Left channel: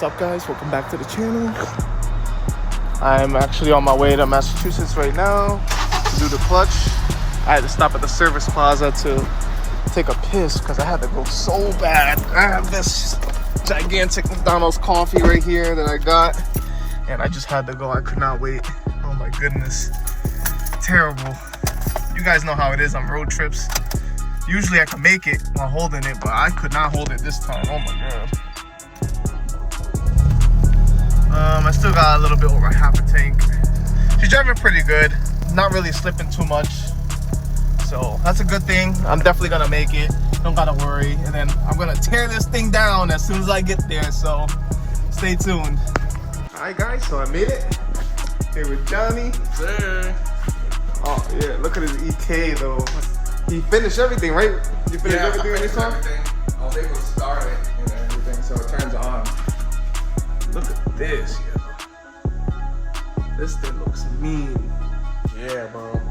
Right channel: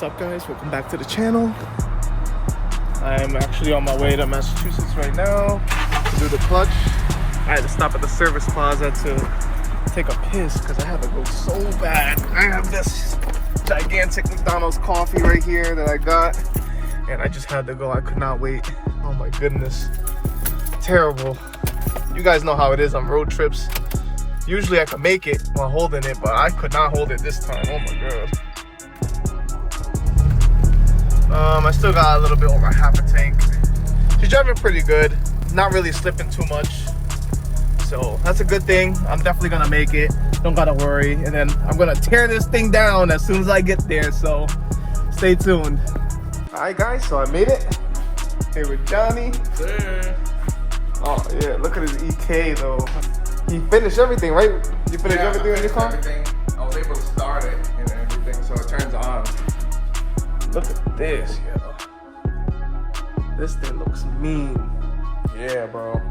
What's up, guys? Welcome back to the channel. I'm actually on my way to Massachusetts right now to do the clutch. I had to stop at the service plaza to take a piss because I had to go so bad. I have this gigantic McDonald's coffee right here that I got, and I just had to go. I could not wait. Oh my goodness. Terrible. You guys know how it is on road trips. Usually I can make it while holding it, but I could not hold it this time. Oh my god. I still got a little bit over half a tank. She's driving pretty good, not really slipping too much, so that's a good thing. I'm definitely gonna make it, don't gotta worry. And then I'm gonna tear this thing down as soon as I get there, so stay tuned. All right guys, so I made it here with Johnny. Sir. Oh yeah, look at his EK though. He finished everything, right? You finished everything in this car? I was able to start it and everything, so it turns on. Look at this, yo. This thing looks mean. Yeah, bro.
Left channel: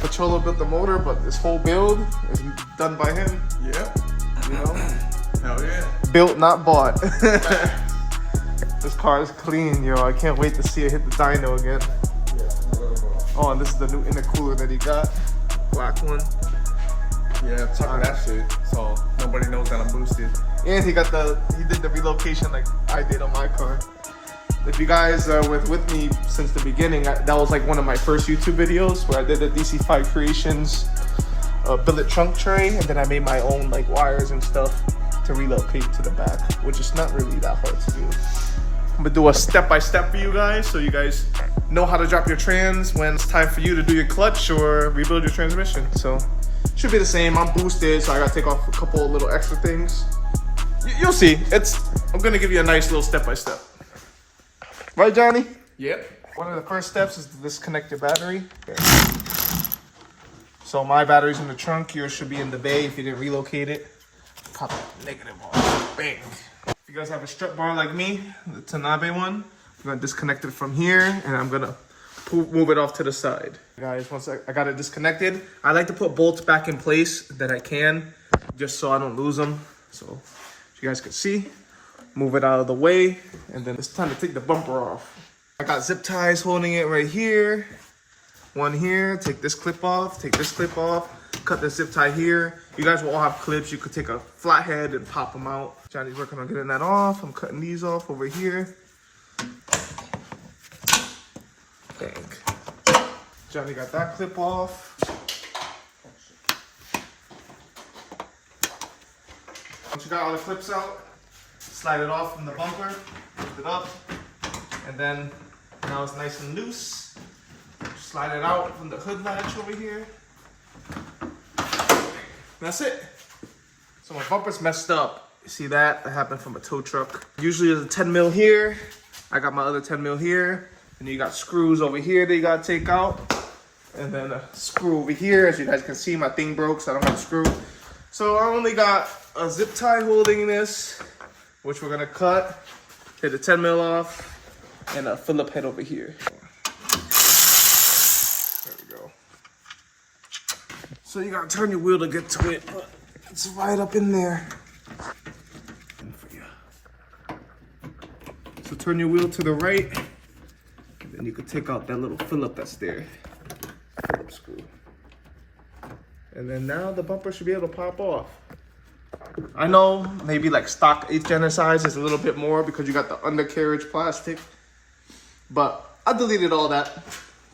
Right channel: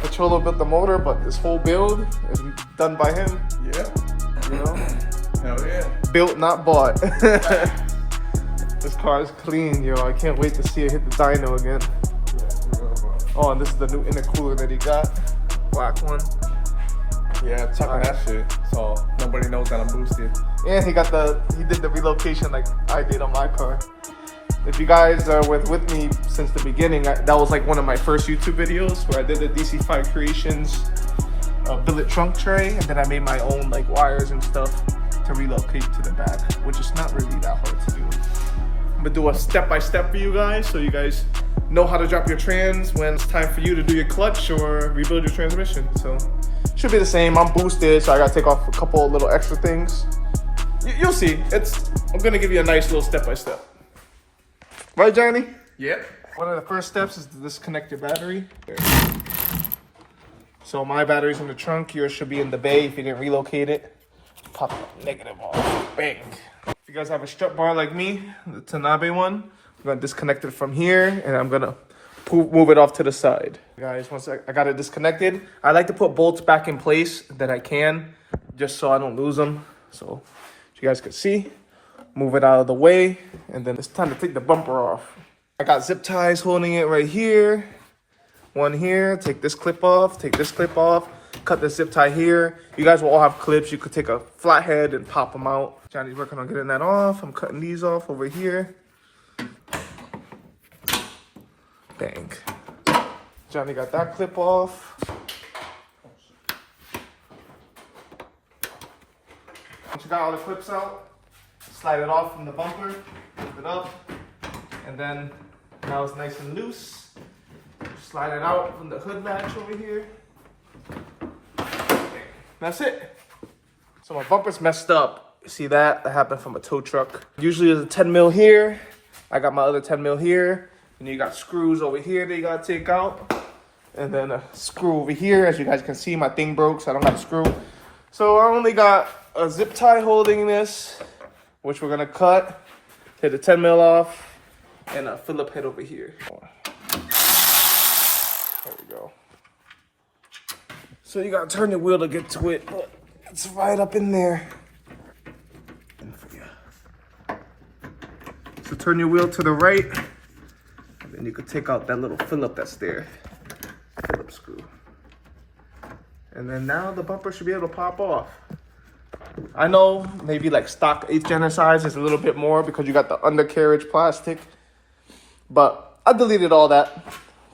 Controller built the motor, but this whole build is done by him. Yep. You know? Hell yeah. Built, not bought. This car is clean, yo. I can't wait to see it hit the dyno again. Oh, and this is the new intercooler that he got. Black one. Yeah, check that shit. So nobody knows that I'm boosted. And he did the relocation like I did on my car. If you guys are with me since the beginning, that was like one of my first YouTube videos where I did the DC5 Creations billet trunk tray, and then I made my own like wires and stuff to relocate to the back, which is not really that hard to do. I'm gonna do a step-by-step for you guys so you guys know how to drop your trans when it's time for you to do your clutch or rebuild your transmission. So should be the same. I'm boosted, so I gotta take off a couple of little extra things. You'll see. I'm gonna give you a nice little step-by-step. Right, Johnny? Yep. One of the first steps is to disconnect your battery. So my battery's in the trunk. Yours should be in the bay if you didn't relocate it. Pop that negative off. Bang. If you guys have a strut bar like me, the Tanabe one, I'm gonna disconnect it from here, and I'm gonna move it off to the side. Guys, once I got it disconnected, I like to put bolts back in place that I can, just so I don't lose them. So you guys can see, move it out of the way, and then it's time to take the bumper off. I got zip ties holding it right here. One here, take this clip off, take this clip off, cut the zip tie here. You guys will all have clips. You could take a flathead and pop them out. Johnny's working on getting that off. I'm cutting these off over here. Dang. Johnny got that clip off. Once you got all the clips out, slide it off from the bumper, lift it up, and then now it's nice and loose. Slide it out from the hood latch over here. That's it. So my bumper's messed up. See that? That happened from a tow truck. Usually there's a 10 mil here. I got my other 10 mil here. And you got screws over here that you gotta take out. And then a screw over here. As you guys can see, my thing broke, so I don't have a screw. So I only got a zip tie holding this, which we're gonna cut. Hit the 10 mil off. And a Phillip head over here. There we go. So you gotta turn your wheel to get to it, but it's right up in there. So turn your wheel to the right, and then you can take out that little Phillip that's there. Phillip screw. And then now the bumper should be able to pop off. I know maybe like stock 8th gen size is a little bit more because you got the undercarriage plastic, but I deleted all that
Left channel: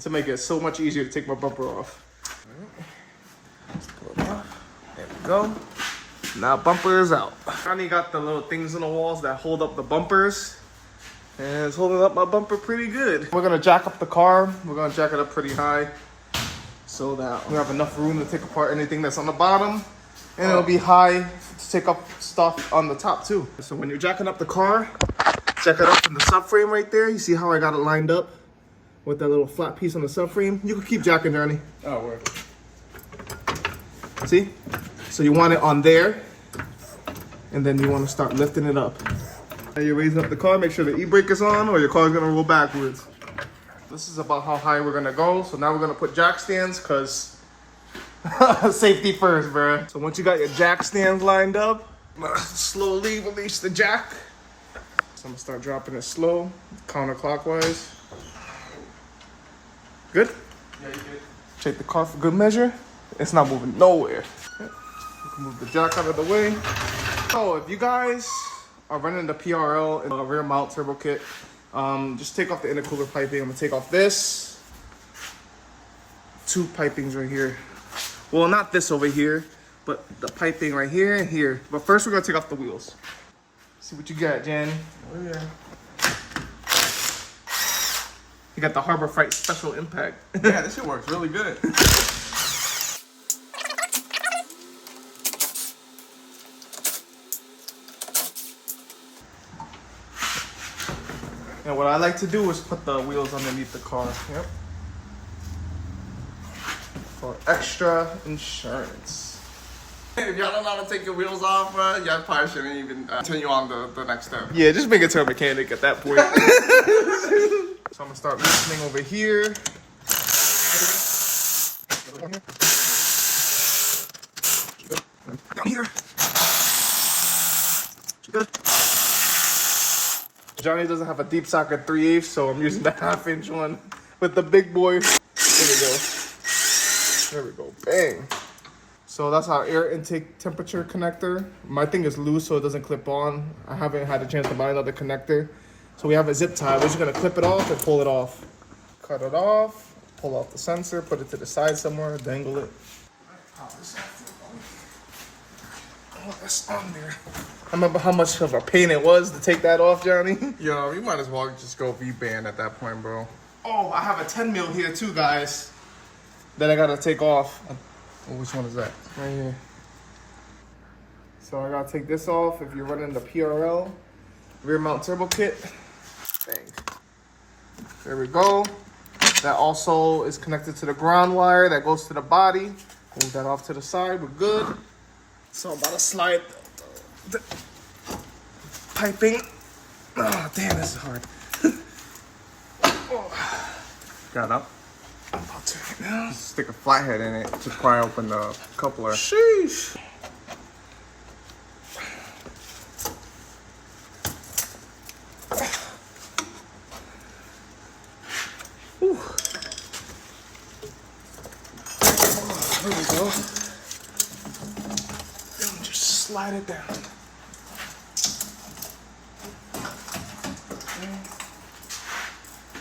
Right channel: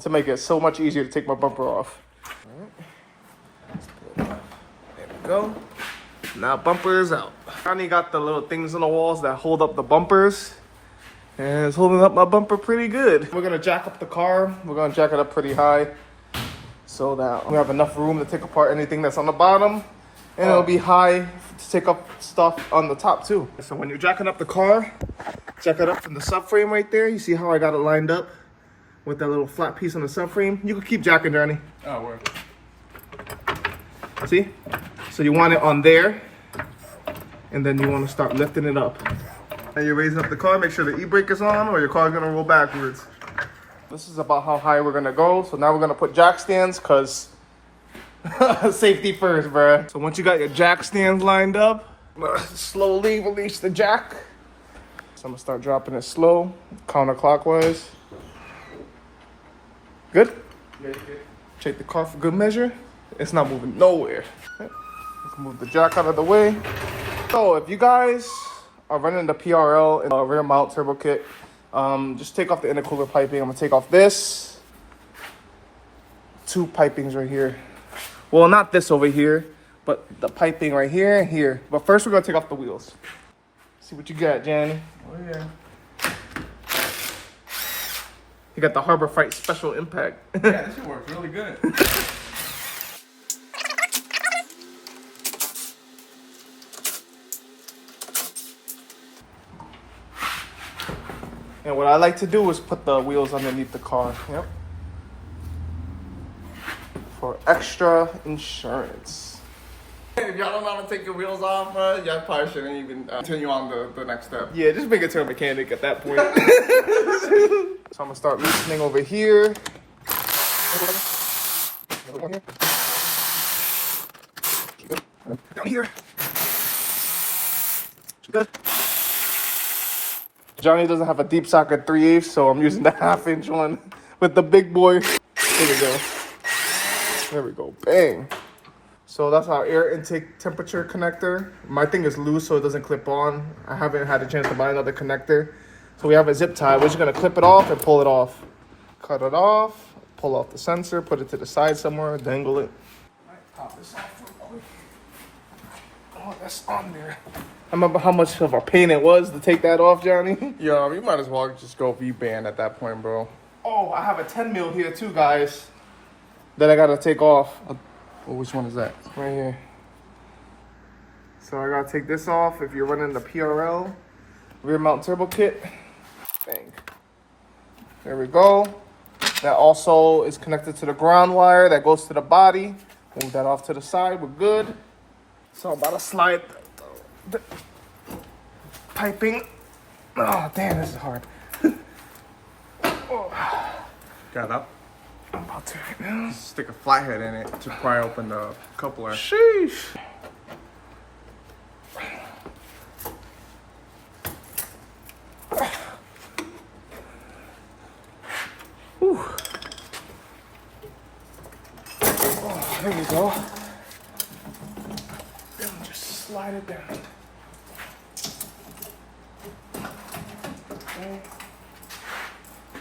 to make it so much easier to take my bumper off. All right. Let's pull it off. There we go. Now bumper is out. Johnny got the little things on the walls that hold up the bumpers, and it's holding up my bumper pretty good. We're gonna jack up the car. We're gonna jack it up pretty high so that we have enough room to take apart anything that's on the bottom, and it'll be high to take up stuff on the top too. So when you're jacking up the car, jack it up from the subframe right there. You see how I got it lined up with that little flat piece on the subframe? You can keep jacking, Johnny. Oh, word. See? So you want it on there, and then you want to start lifting it up. And you're raising up the car, make sure the e-brake is on or your car's gonna roll backwards. This is about how high we're gonna go. So now we're gonna put jack stands, cause safety first, bruh. So once you got your jack stands lined up, slowly release the jack. So I'm gonna start dropping it slow, counterclockwise. Good? Yeah, good. Take the car for good measure. It's not moving nowhere. We can move the jack out of the way. So if you guys are running the PRL and a rear mount turbo kit, just take off the intercooler piping. I'm gonna take off this. 2 pipings right here. Well, not this over here, but the piping right here and here. But first we're gonna take off the wheels. See what you got, Jan. Oh yeah. You got the Harbor Freight Special Impact. Yeah, this shit works really good. And what I like to do is put the wheels underneath the car. Yep. For extra insurance. If y'all don't know how to take your wheels off, y'all probably shouldn't even continue on the next step. Yeah, just make it to a mechanic at that point. So I'm gonna start loosening over here. Down here. Good. Johnny doesn't have a deep socket 3/8, so I'm using the 1/2-inch one with the big boy. There we go. There we go. Bang. So that's our air intake temperature connector. My thing is loose, so it doesn't clip on. I haven't had a chance to buy another connector. So we have a zip tie. We're just gonna clip it off and pull it off. Cut it off, pull off the sensor, put it to the side somewhere, dangle it. All right, pop this off. Oh, that's on there. I remember how much of a pain it was to take that off, Johnny. Yo, you might as well just go V-band at that point, bro. Oh, I have a 10 mil here too, guys, that I gotta take off. Well, which one is that? Right here. So I gotta take this off if you're running the PRL rear mount turbo kit. Bang. There we go. That also is connected to the ground wire that goes to the body. Move that off to the side. We're good. So I'm about to slide the piping. Oh, damn, this is hard. Got up. I'm about to right now. Stick a flathead in it to pry open the coupler. Sheesh. Whew. Oh, there we go. And just slide it down. Okay.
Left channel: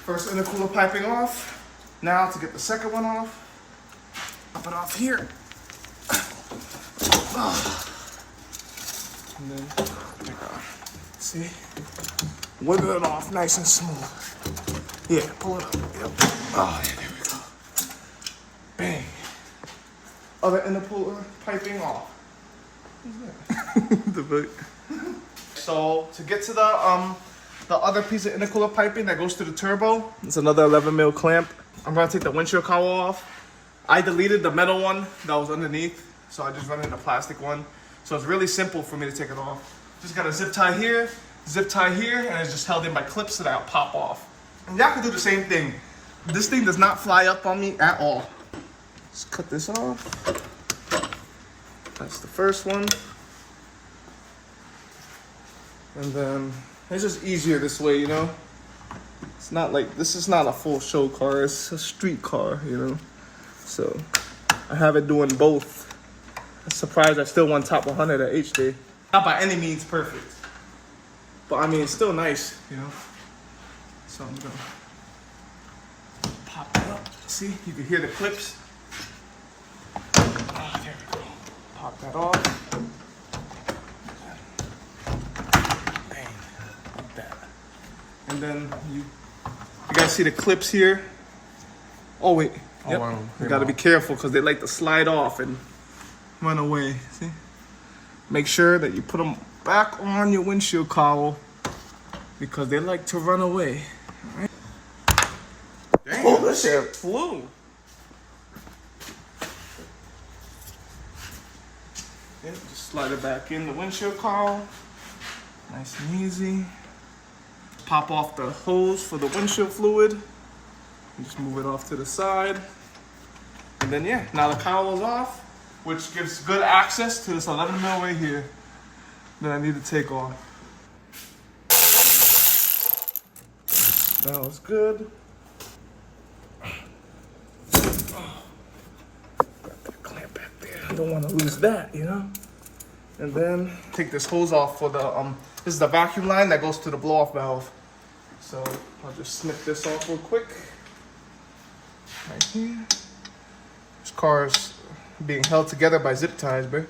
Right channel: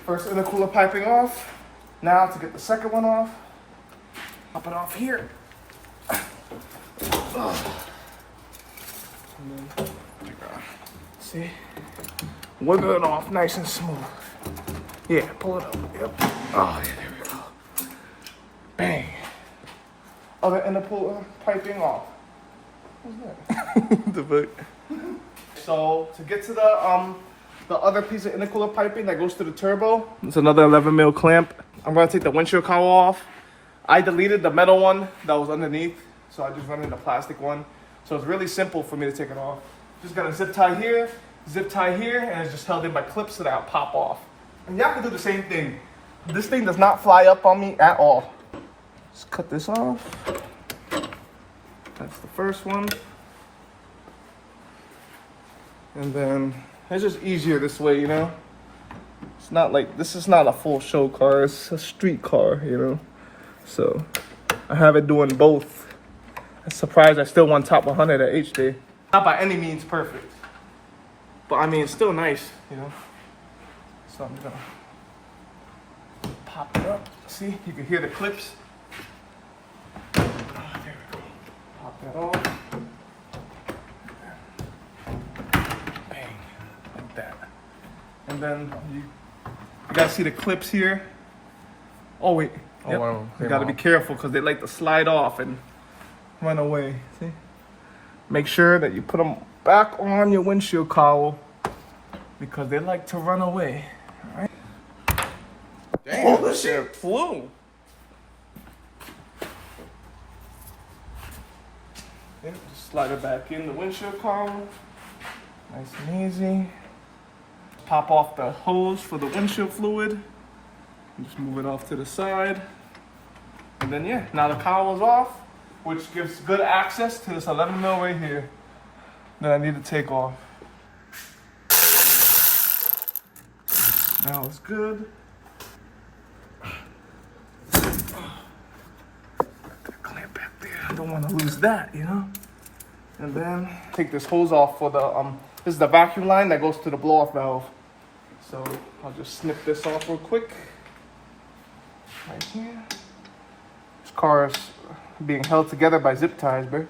First intercooler piping off. Now to get the second one off, pop it off here. And then, see, wiggle it off nice and smooth. Yeah, pull it up. Yep. Oh, yeah, there we go. Bang. Other intercooler piping off. What's that? The fuck? So to get to the other piece of intercooler piping that goes to the turbo, it's another 11 mil clamp. I'm gonna take the windshield cowl off. I deleted the metal one that was underneath, so I just run in the plastic one. So it's really simple for me to take it off. Just got a zip tie here, and it's just held in by clips so that it'll pop off. And y'all can do the same thing. This thing does not fly up on me at all. Just cut this off. That's the first one. And then it's just easier this way, you know? It's not like, this is not a full show car, it's a street car, you know? So, I have it doing both. I'm surprised I still won top 100 at H-Day. Not by any means perfect. But I mean, it's still nice, you know? So I'm gonna pop it up. See, you can hear the clips. Oh, there we go. Pop that off. Bang, like that. And then you guys see the clips here? Oh wait, Oh, yep. wow. You gotta be careful because they like to slide off and run away. See? Make sure that you put them back on your windshield cowl because they like to run away. All right? Damn, this shit flew. Yeah, just slide it back in the windshield cowl. Nice and easy. Pop off the hose for the windshield fluid. And just move it off to the side. And then yeah, now the cowl is off, which gives good access to this 11 mil right here that I need to take off. Now it's good. Clamp back there. I don't want to lose that, you know? And then take this hose off for the, this is the vacuum line that goes to the blow-off valve. So I'll just snip this off real quick. Right here. This car is being held together by zip ties, bro.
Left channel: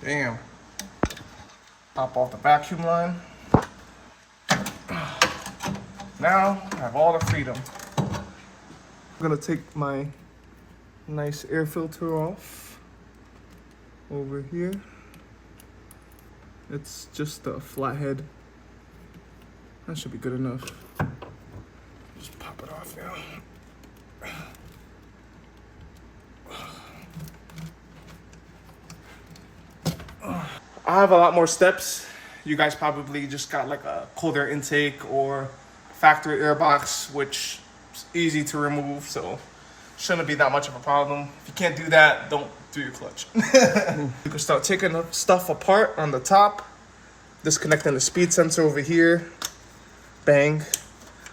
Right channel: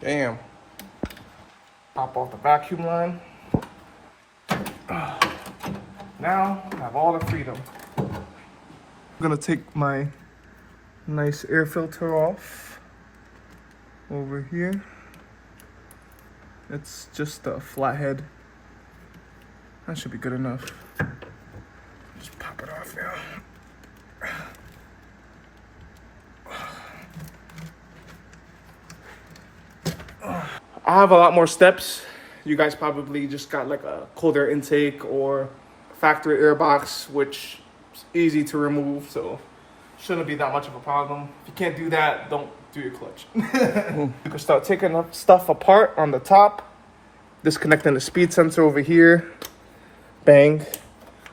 Damn. Pop off the vacuum line. Now I have all the freedom. I'm gonna take my nice air filter off over here. It's just a flathead. That should be good enough. Just pop it off now. I have a lot more steps. You guys probably just got like a cold air intake or factory air box, which is easy to remove, so shouldn't be that much of a problem. If you can't do that, don't do your clutch. You can start taking the stuff apart on the top, disconnecting the speed sensor over here. Bang.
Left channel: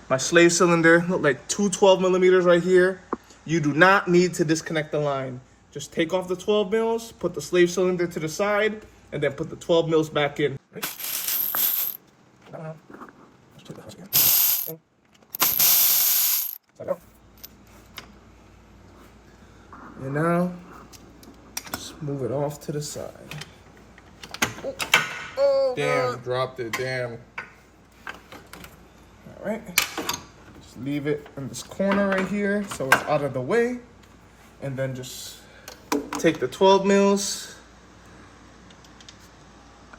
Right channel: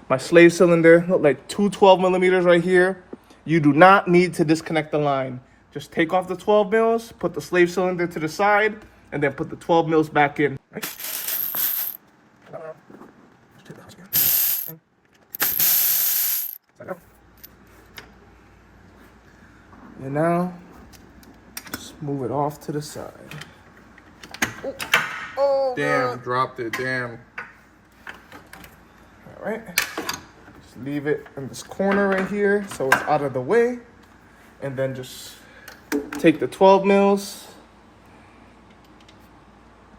My slave cylinder, look like two 12 millimeters right here. You do not need to disconnect the line. Just take off the 12 mils, put the slave cylinder to the side, and then put the 12 mils back in. Right? And now, just move it off to the side. Oh, damn, God. Dropped it, damn. All right, just leave it in this corner right here so it's out of the way. And then just take the 12 mils,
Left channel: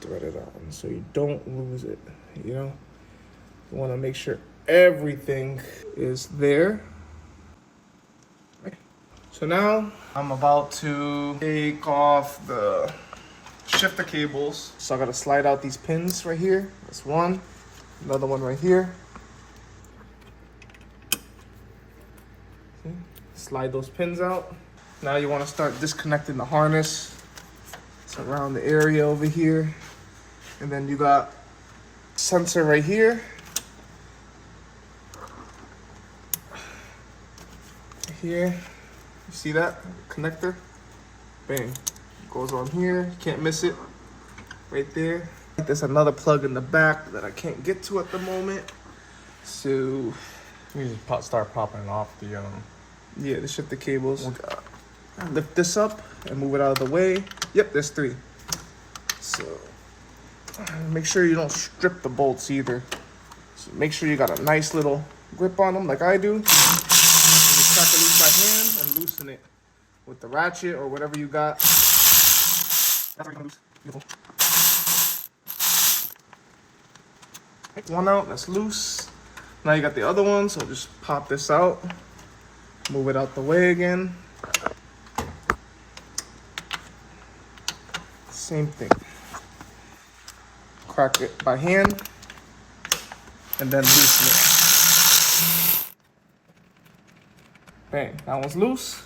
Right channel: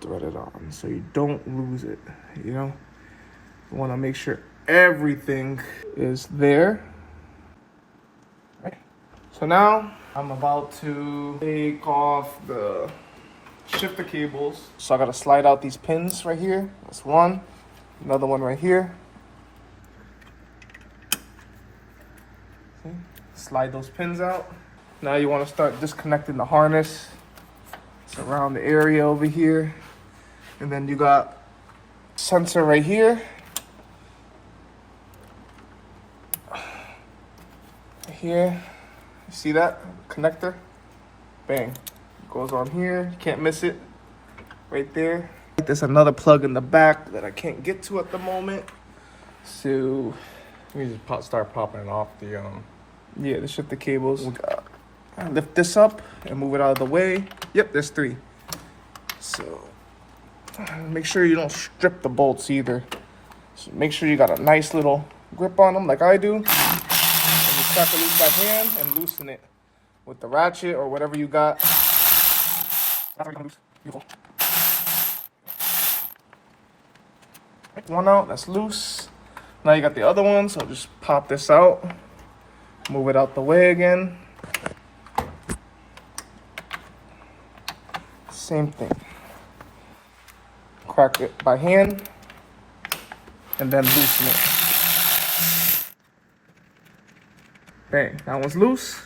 thread it on so you don't lose it, you know? You wanna make sure everything is there. So now I'm about to take off the shifter cables. So I gotta slide out these pins right here. That's one, another one right here. See? Slide those pins out. Now you wanna start disconnecting the harness. It's around the area over here. And then you got sensor right here. Here. See that connector? Bang. Goes on here. You can't miss it. Right there. There's another plug in the back that I can't get to at the moment. So we just start popping off the yeah, the shifter cables. Lift this up and move it out of the way. Yep, there's three. So make sure you don't strip the bolts either. So make sure you got a nice little grip on them like I do. Crack it loose by hand and loosen it with the ratchet or whatever you got. Take one out, that's loose. Now you got the other one, so just pop this out. Move it out the way again. Same thing. Crack it by hand and then loosen it. Bang, that one's loose.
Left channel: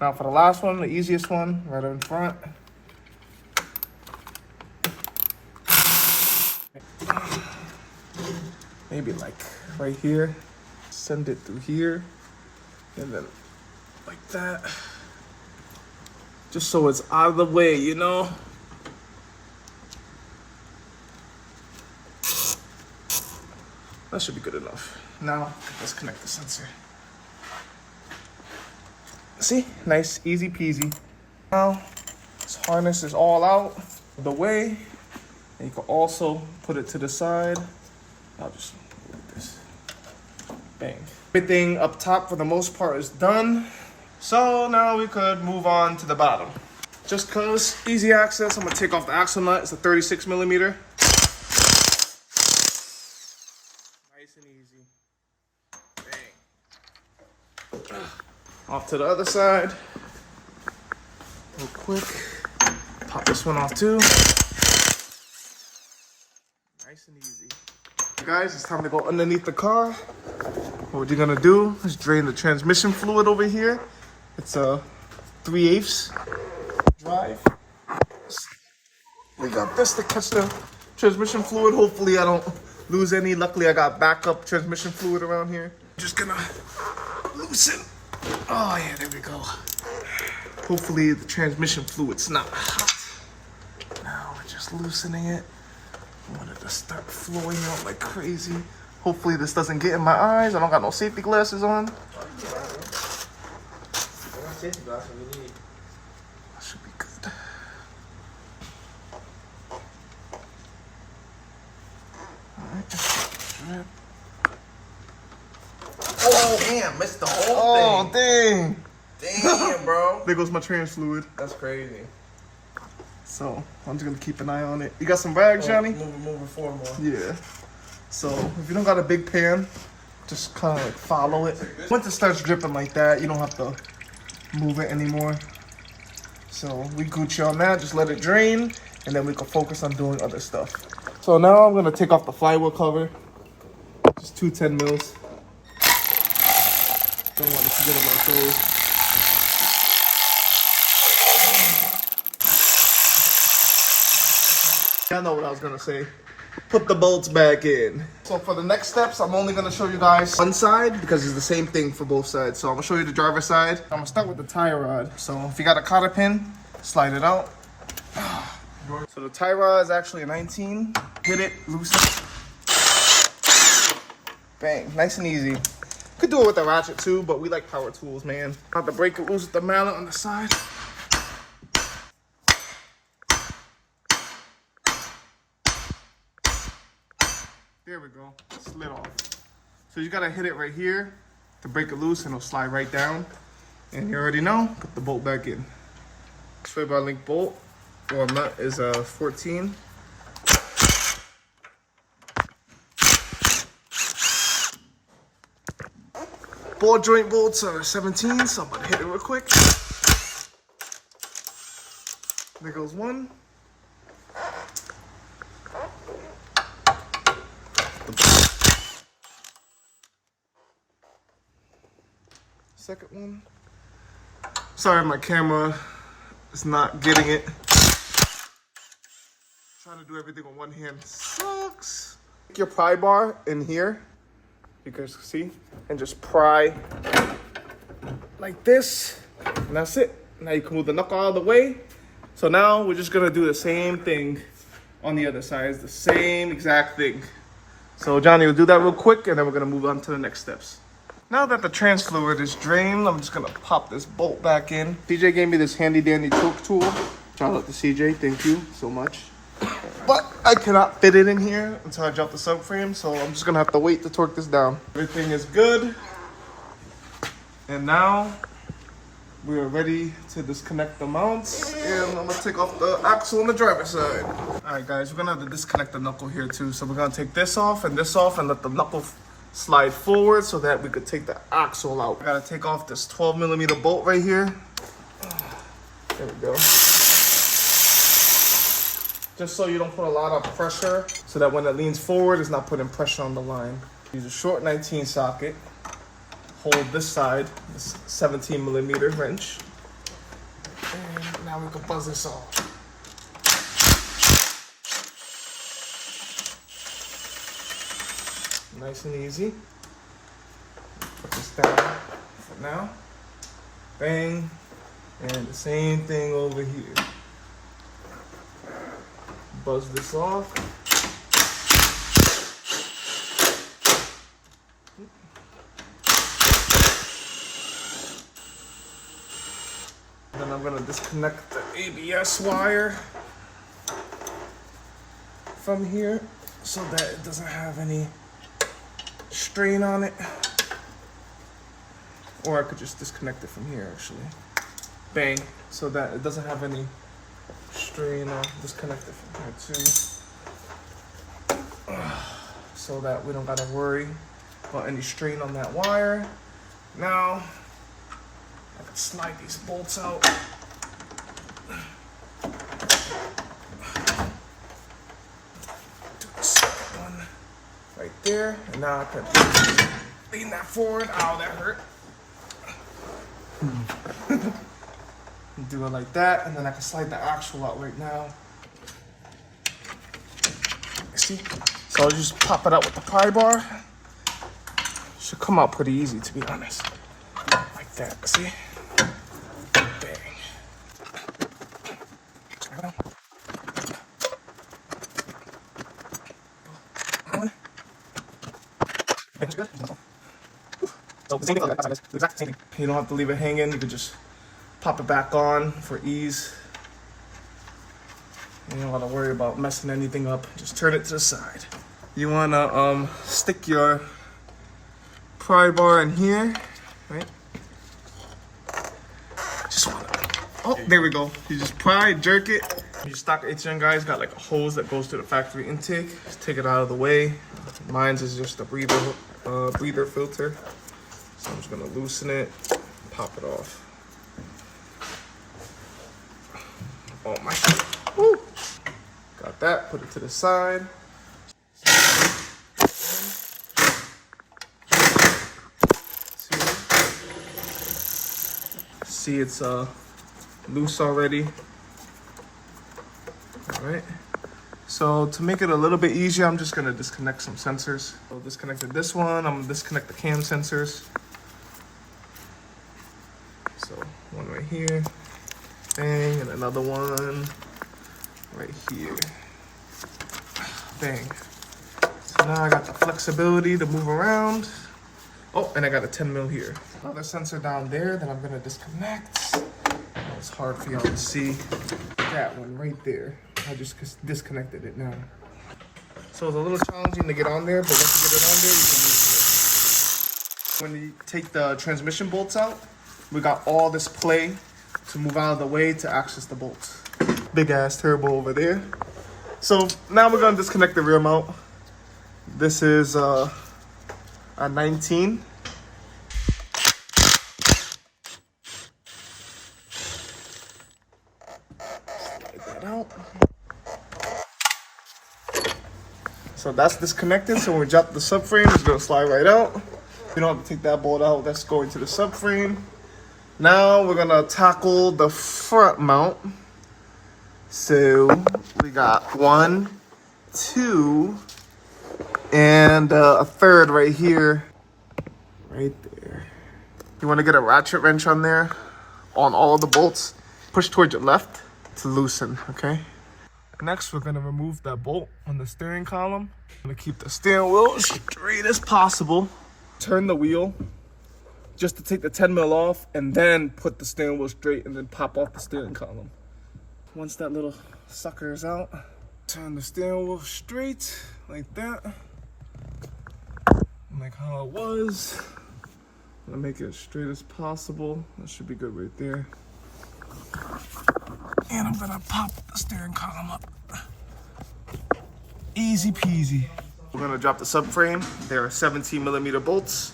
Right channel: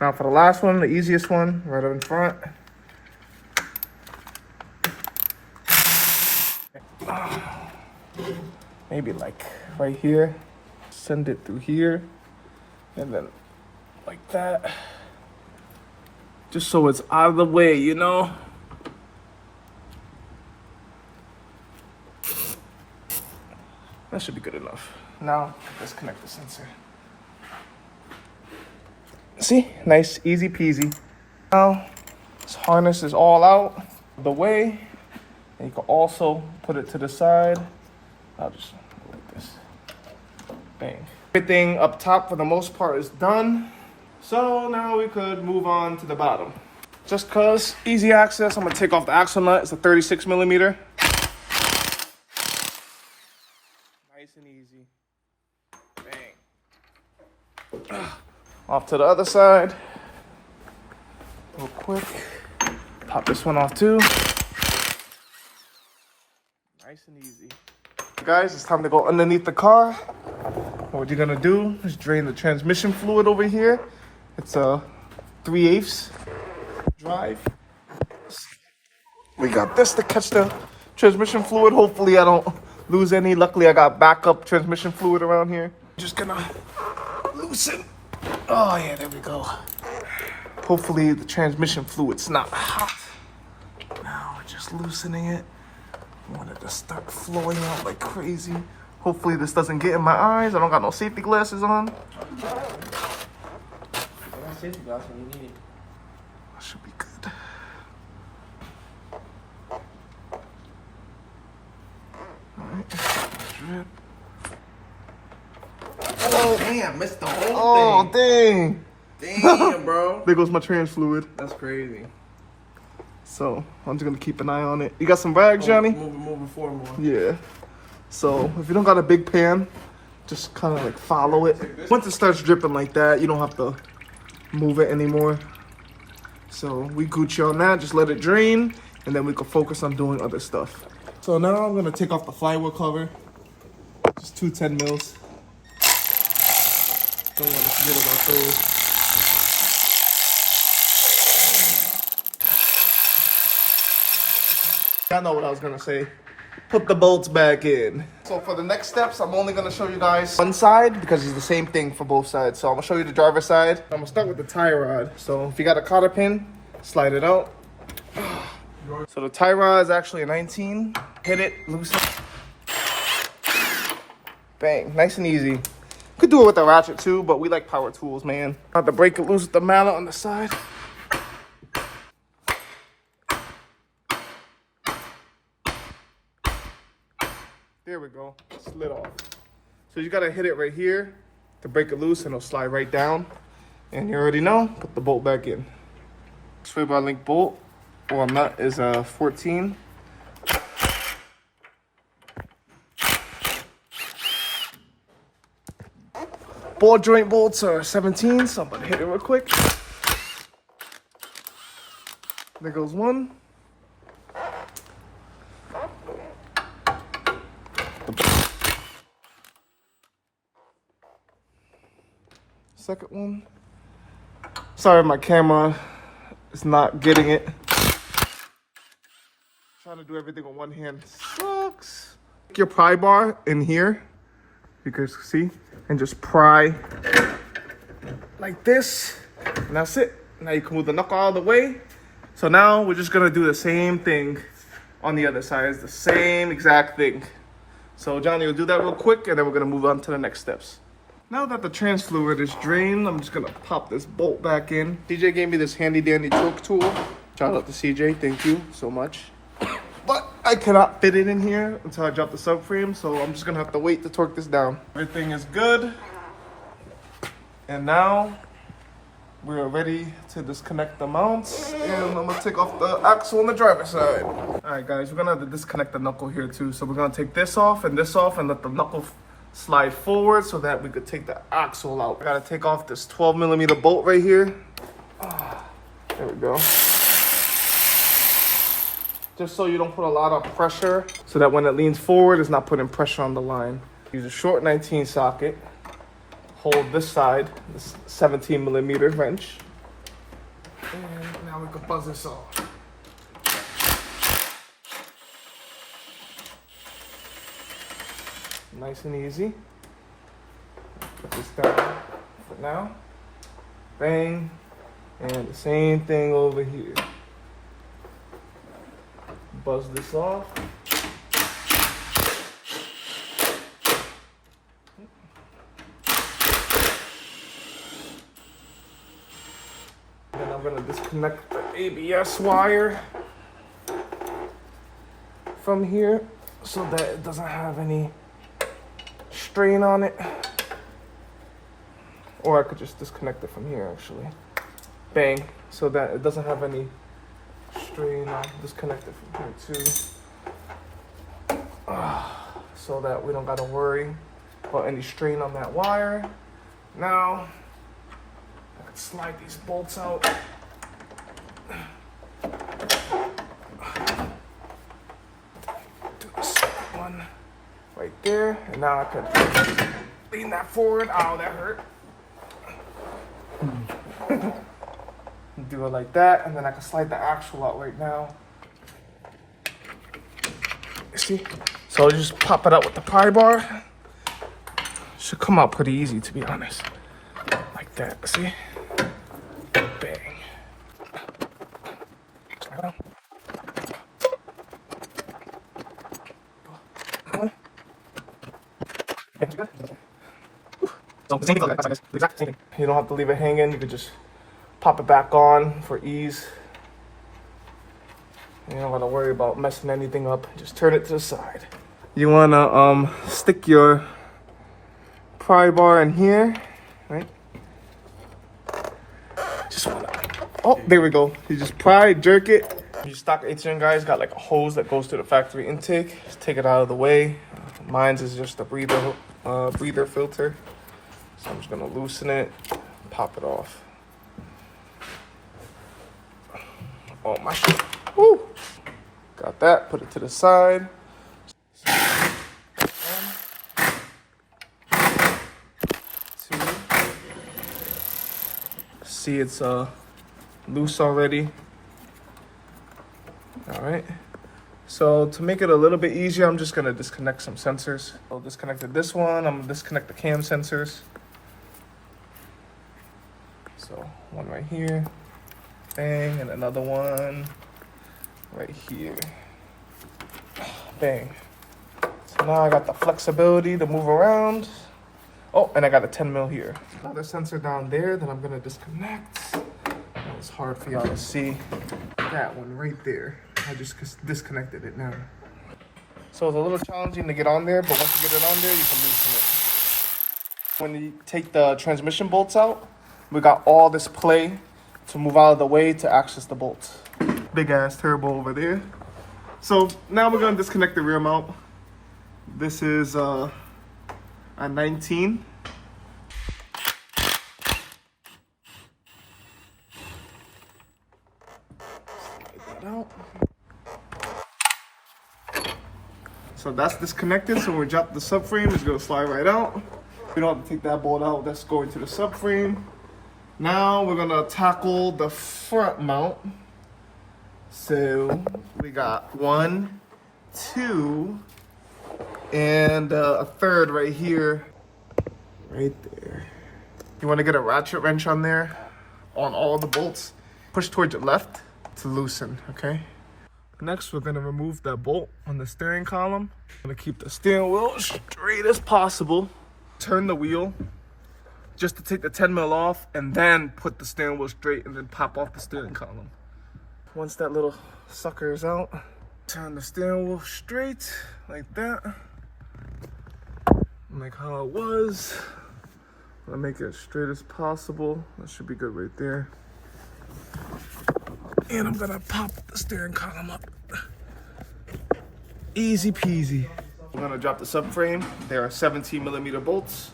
Now for the last one, the easiest one, right up in front. Maybe like right here. Send it through here. And then like that. Just so it's out of the way, you know? That should be good enough. Now, let's connect the sensor. See, nice, easy peasy. Now, this harness is all out of the way. And you can also put it to the side. I'll just put it like this. Bang. Everything up top for the most part is done. So now we could move on to the bottom. Just cause easy access, I'm gonna take off the axle nut. It's a 36 millimeter. Nice and easy. Bang. Off to the other side. Real quick. Pop this one off too. Nice and easy. Guys, it's time to go underneath the car. What you're gonna do is drain the transmission fluid over here. It's a 3/8 drive. We got this to catch the transmission fluid. Hopefully I don't lose any. Luckily, I got backup transmission fluid around here. Just gonna loosen. Oh yeah, there we go. Hopefully the transmission fluid's not hot. Now we're just loosening it. I want it to start flowing out like crazy. Hopefully this doesn't get in my eyes. I don't got no safety glasses on. That should be good. Alright, drip. Oh, damn, missed the whole Oh, thing. dang. Damn, bro. There goes my trans fluid. That's crazy. So I'm just gonna keep an eye on it. You got some rags, Johnny? Moving forward more. Yeah. So if you don't got a big pan, just kind of like follow it. Once it starts dripping like that, you don't have to move it anymore. So we Gucci on that. Just let it drain, and then we can focus on doing other stuff. So now I'm gonna take off the flywheel cover. Just 2 10 mils. Don't want to forget about those. I know what I was gonna say. Put the bolts back in. So for the next steps, I'm only gonna show you guys one side because it's the same thing for both sides. So I'm gonna show you the driver's side. I'm gonna start with the tie rod. So if you got a cotter pin, slide it out. So the tie rod is actually a 19. Hit it, loosen it. Bang, nice and easy. You could do it with a ratchet too, but we like power tools, man. Have to break it loose with the mallet on the side. There we go, slid off. So you gotta hit it right here to break it loose and it'll slide right down. And you already know, put the bolt back in. Sway bar link bolt or nut is a 14. Ball joint bolts are 17, so I'm gonna hit it real quick. There goes one. Second one. Sorry, my camera is not getting it. Trying to do everything on one hand sucks. Take your pry bar in here, you can see, and just pry like this, and that's it. Now you can move the knuckle out of the way. So now we're just gonna do the same thing on the other side. It's the same exact thing. So Johnny will do that real quick, and then we're gonna move on to the next steps. Now that the trans fluid is drained, I'm just gonna pop this bolt back in. CJ gave me this handy dandy torque tool. Shout out to CJ, thank you so much. But I cannot fit it in here until I drop the subframe, so I'm just gonna have to wait to torque this down. Everything is good. And now we are ready to disconnect the mounts. And I'm gonna take off the axle on the driver's side. All right guys, we're gonna have to disconnect the knuckle here too. So we're gonna take this off and let the knuckle slide forward so that we could take the axle out. I gotta take off this 12mm bolt right here. There we go. Just so you don't put a lot of pressure, so that when it leans forward, it's not putting pressure on the line. Use a short 19 socket. Hold this side, this 17mm wrench. And now we can buzz this off. Nice and easy. Put this down for now. Bang. And the same thing over here. Buzz this off. Then I'm gonna disconnect the ABS wire from here so that it doesn't have any strain on it. Or I could just disconnect it from here actually. Bang, so that it doesn't have any strain. I'll disconnect it from here too. So that we don't gotta worry about any strain on that wire. Now, I can slide these bolts out. Do this one right there, and now I can lean that forward. Ow, that hurt. Do it like that, and then I can slide the axle out right now. You see? So just pop it out with the pry bar. Should come out pretty easy, to be honest. Like that, see? Bang. You don't have to leave it hanging. You can just pop it back on for ease. You don't gotta worry about messing anything up. Just turn it to the side. You wanna stick your pry bar in here, right? Just wanna, oh, there we go. You just pry, jerk it. Your stock HN guys got like a hose that goes to the factory intake. Just take it out of the way. Mine's is just a breather filter. So I'm just gonna loosen it, pop it off. Oh my shit. Woo. Got that, put it to the side. See, it's loose already. All right. So to make it a little bit easier, I'm just gonna disconnect some sensors. I'll disconnect this one. I'm gonna disconnect the cam sensors. So one right here, bang, and another one right here, bang. So now I got the flexibility to move around. Oh, and I got a 10 mil here. Another sensor down there that I'm gonna disconnect. I know it's hard for y'all to see. That one right there. I just disconnected it now. So it's a little challenging to get on there, but once you get it on there, you can loosen it. When you take the transmission bolts out, we got all this play to move out of the way to access the bolts. Big ass turbo over there. So now we're gonna disconnect the rear mount. This is a 19. Slide that out. So that's disconnected. So when we drop the subframe, it's gonna slide right out. We don't have to take that bolt out. That's going to the subframe. Now we're gonna tackle the front mount. So we got 1, 2, and a third right here, right there. You wanna get a ratchet wrench on there, on all of the bolts. Push towards your left to loosen, okay? Next, we're gonna remove that bolt on the steering column. I'm gonna keep the steering wheel as straight as possible. Turn the wheel just to take the 10 mil off, and then put the steering wheel straight and then pop off the steering column. Once that little sucker is out, turn the steering wheel straight like that. Like how it was. I'm gonna make it as straight as possible. That should be good right there. And I'm gonna pop the steering column up. Easy peasy. We're gonna drop the subframe. There are 17 millimeter bolts.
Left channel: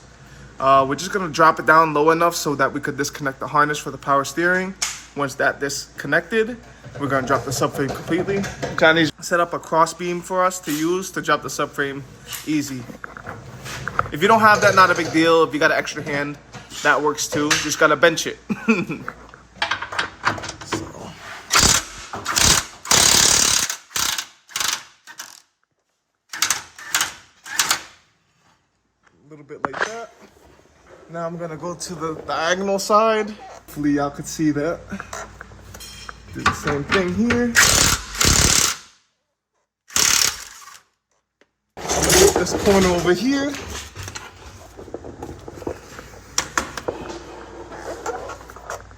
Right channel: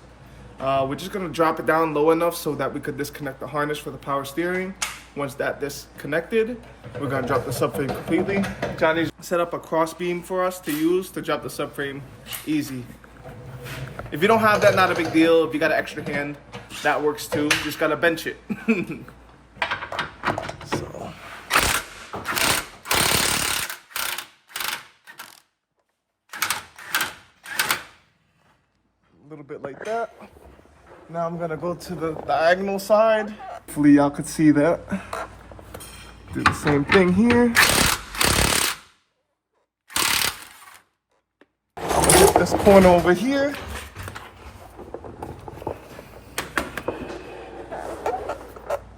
We're just gonna drop it down low enough so that we could disconnect the harness for the power steering. Once that disconnected, we're gonna drop the subframe completely. Johnny's set up a cross beam for us to use to drop the subframe easy. If you don't have that, not a big deal. If you got an extra hand, that works too. Just gotta bench it. So. A little bit like that. Now I'm gonna go to the diagonal side. Hopefully y'all could see that. Do the same thing here. I'm gonna hit this corner over here.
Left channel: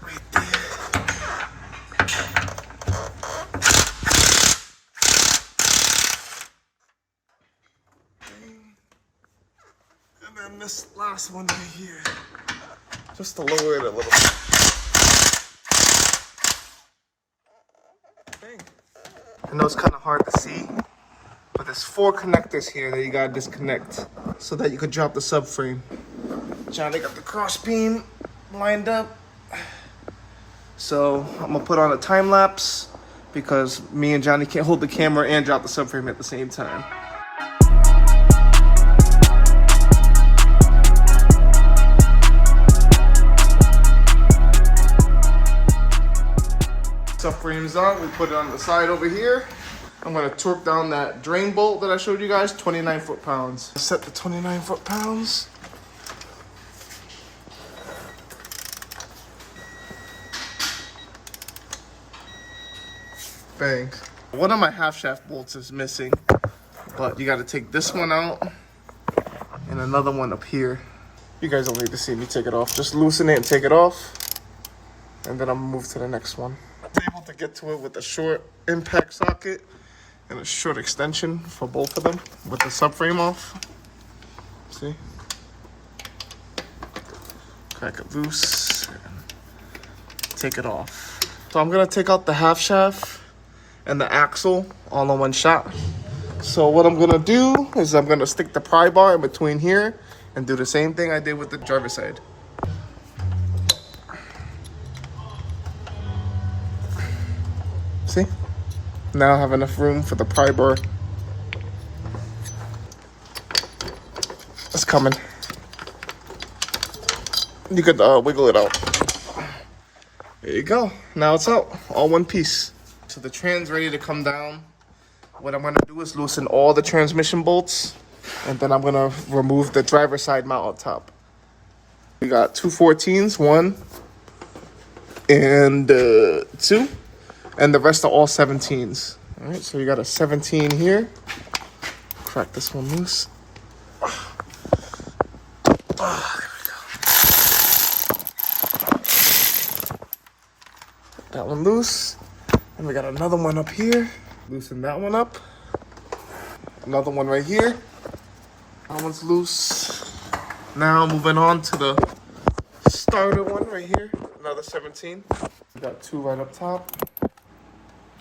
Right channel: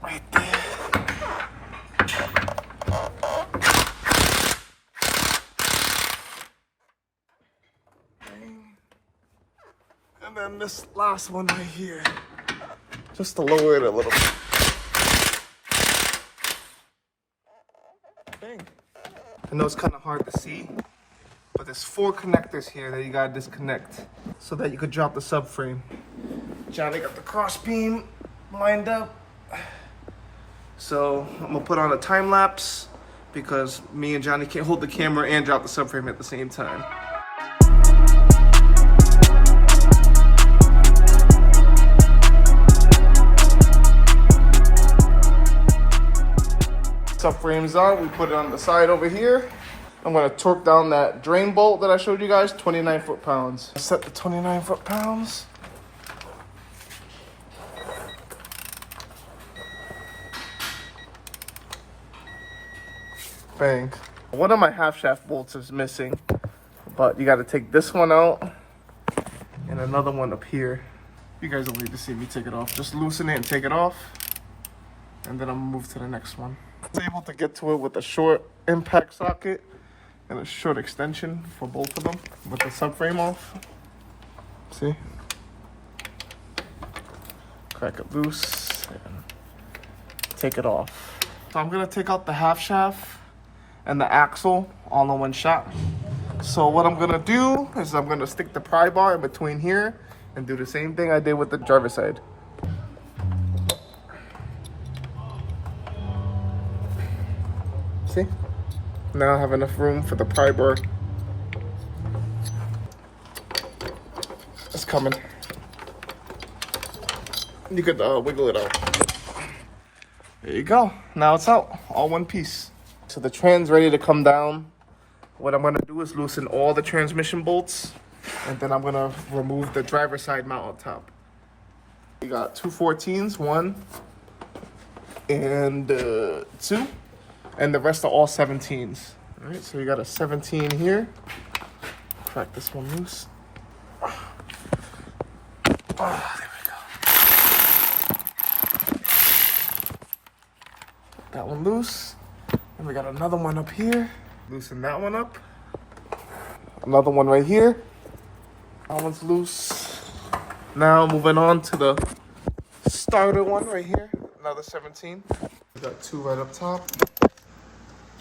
Right there. And then this last one right here. Just to lower it a little bit. Dang. I know it's kind of hard to see, but there's 4 connectors here that you gotta disconnect so that you could drop the subframe. Johnny got the cross beam lined up. So I'm gonna put on a time lapse because me and Johnny can't hold the camera and drop the subframe at the same time. Subframe's on, we put it on the side over here. I'm gonna torque down that drain bolt that I showed you guys, 29 foot-pounds. Set the 29 foot-pounds. Bang. One of my half shaft bolts is missing, but you gotta take this one out and another one up here. You guys don't need to see me take it off. Just loosen it and take it off, and then I'm gonna move to the next one. I'm able to get to it with a short impact socket and a short extension for both of them with the subframe off. See? Crack it loose and take it off. So I'm gonna take out the half shaft and the axle all in one shot. So what I'm gonna do is I'm gonna stick the pry bar in between here and do the same thing I did with the driver's side. See? Now I have enough room for the pry bar. It's coming. You could wiggle it out. There you go. Now it's out, all one piece. So the tran's ready to come down. What I'm gonna do is loosen all the transmission bolts, and then I'm gonna remove the driver's side mount on top. We got two 14s, 1 and 2, and the rest are all 17s. All right, so you got a 17 here. Crack this one loose. There we go. Put that one loose. And we got another one up here. Loosen that one up. Another one right here. That one's loose. Now moving on to the starter one right here. Another 17. We got 2 right up top.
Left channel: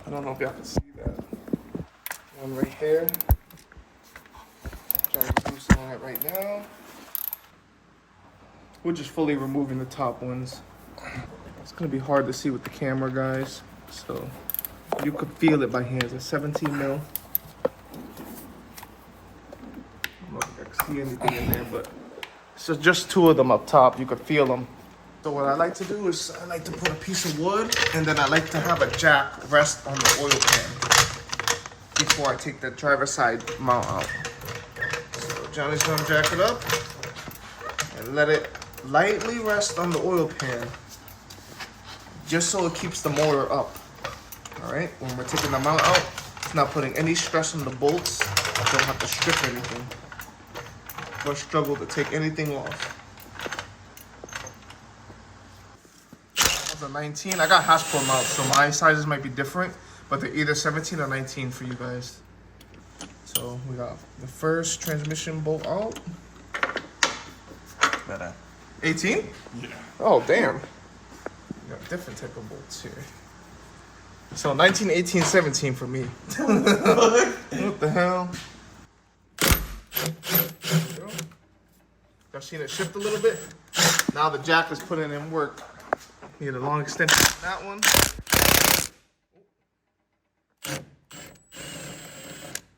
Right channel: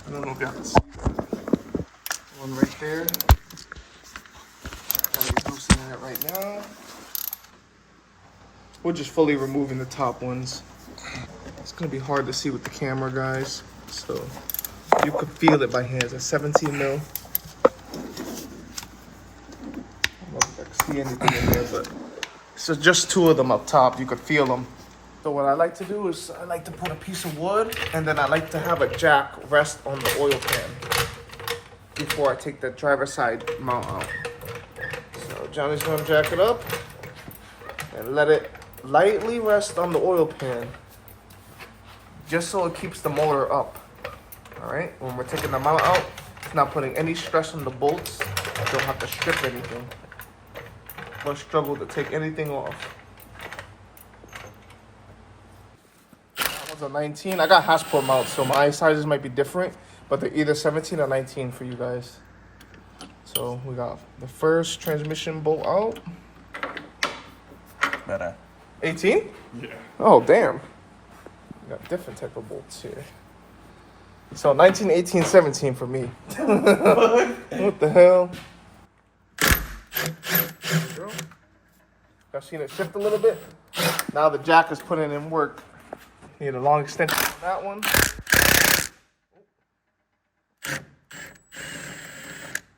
I don't know if y'all can see that. One right there. Trying to loosen that right now. We're just fully removing the top ones. It's gonna be hard to see with the camera, guys. So you could feel it by hand. It's a 17 mil. I don't know if I can see anything in there, but it's just 2 of them up top. You could feel them. So what I like to do is I like to put a piece of wood, and then I like to have a jack rest on the oil pan before I take the driver's side mount out. So Johnny's gonna jack it up and let it lightly rest on the oil pan, just so it keeps the motor up. All right, when we're taking the mount out, it's not putting any stress on the bolts. Don't have to strip anything or struggle to take anything off. That was a 19. I got Hasbro mounts, so my sizes might be different, but they're either 17 or 19 for you guys. So we got the first transmission bolt out. 18? Yeah. Oh, damn. We got different type of bolts here. So 19, 18, 17 for me. What the hell? Y'all seen it shift a little bit? Now the jack is putting in work. Need a long extension on that one.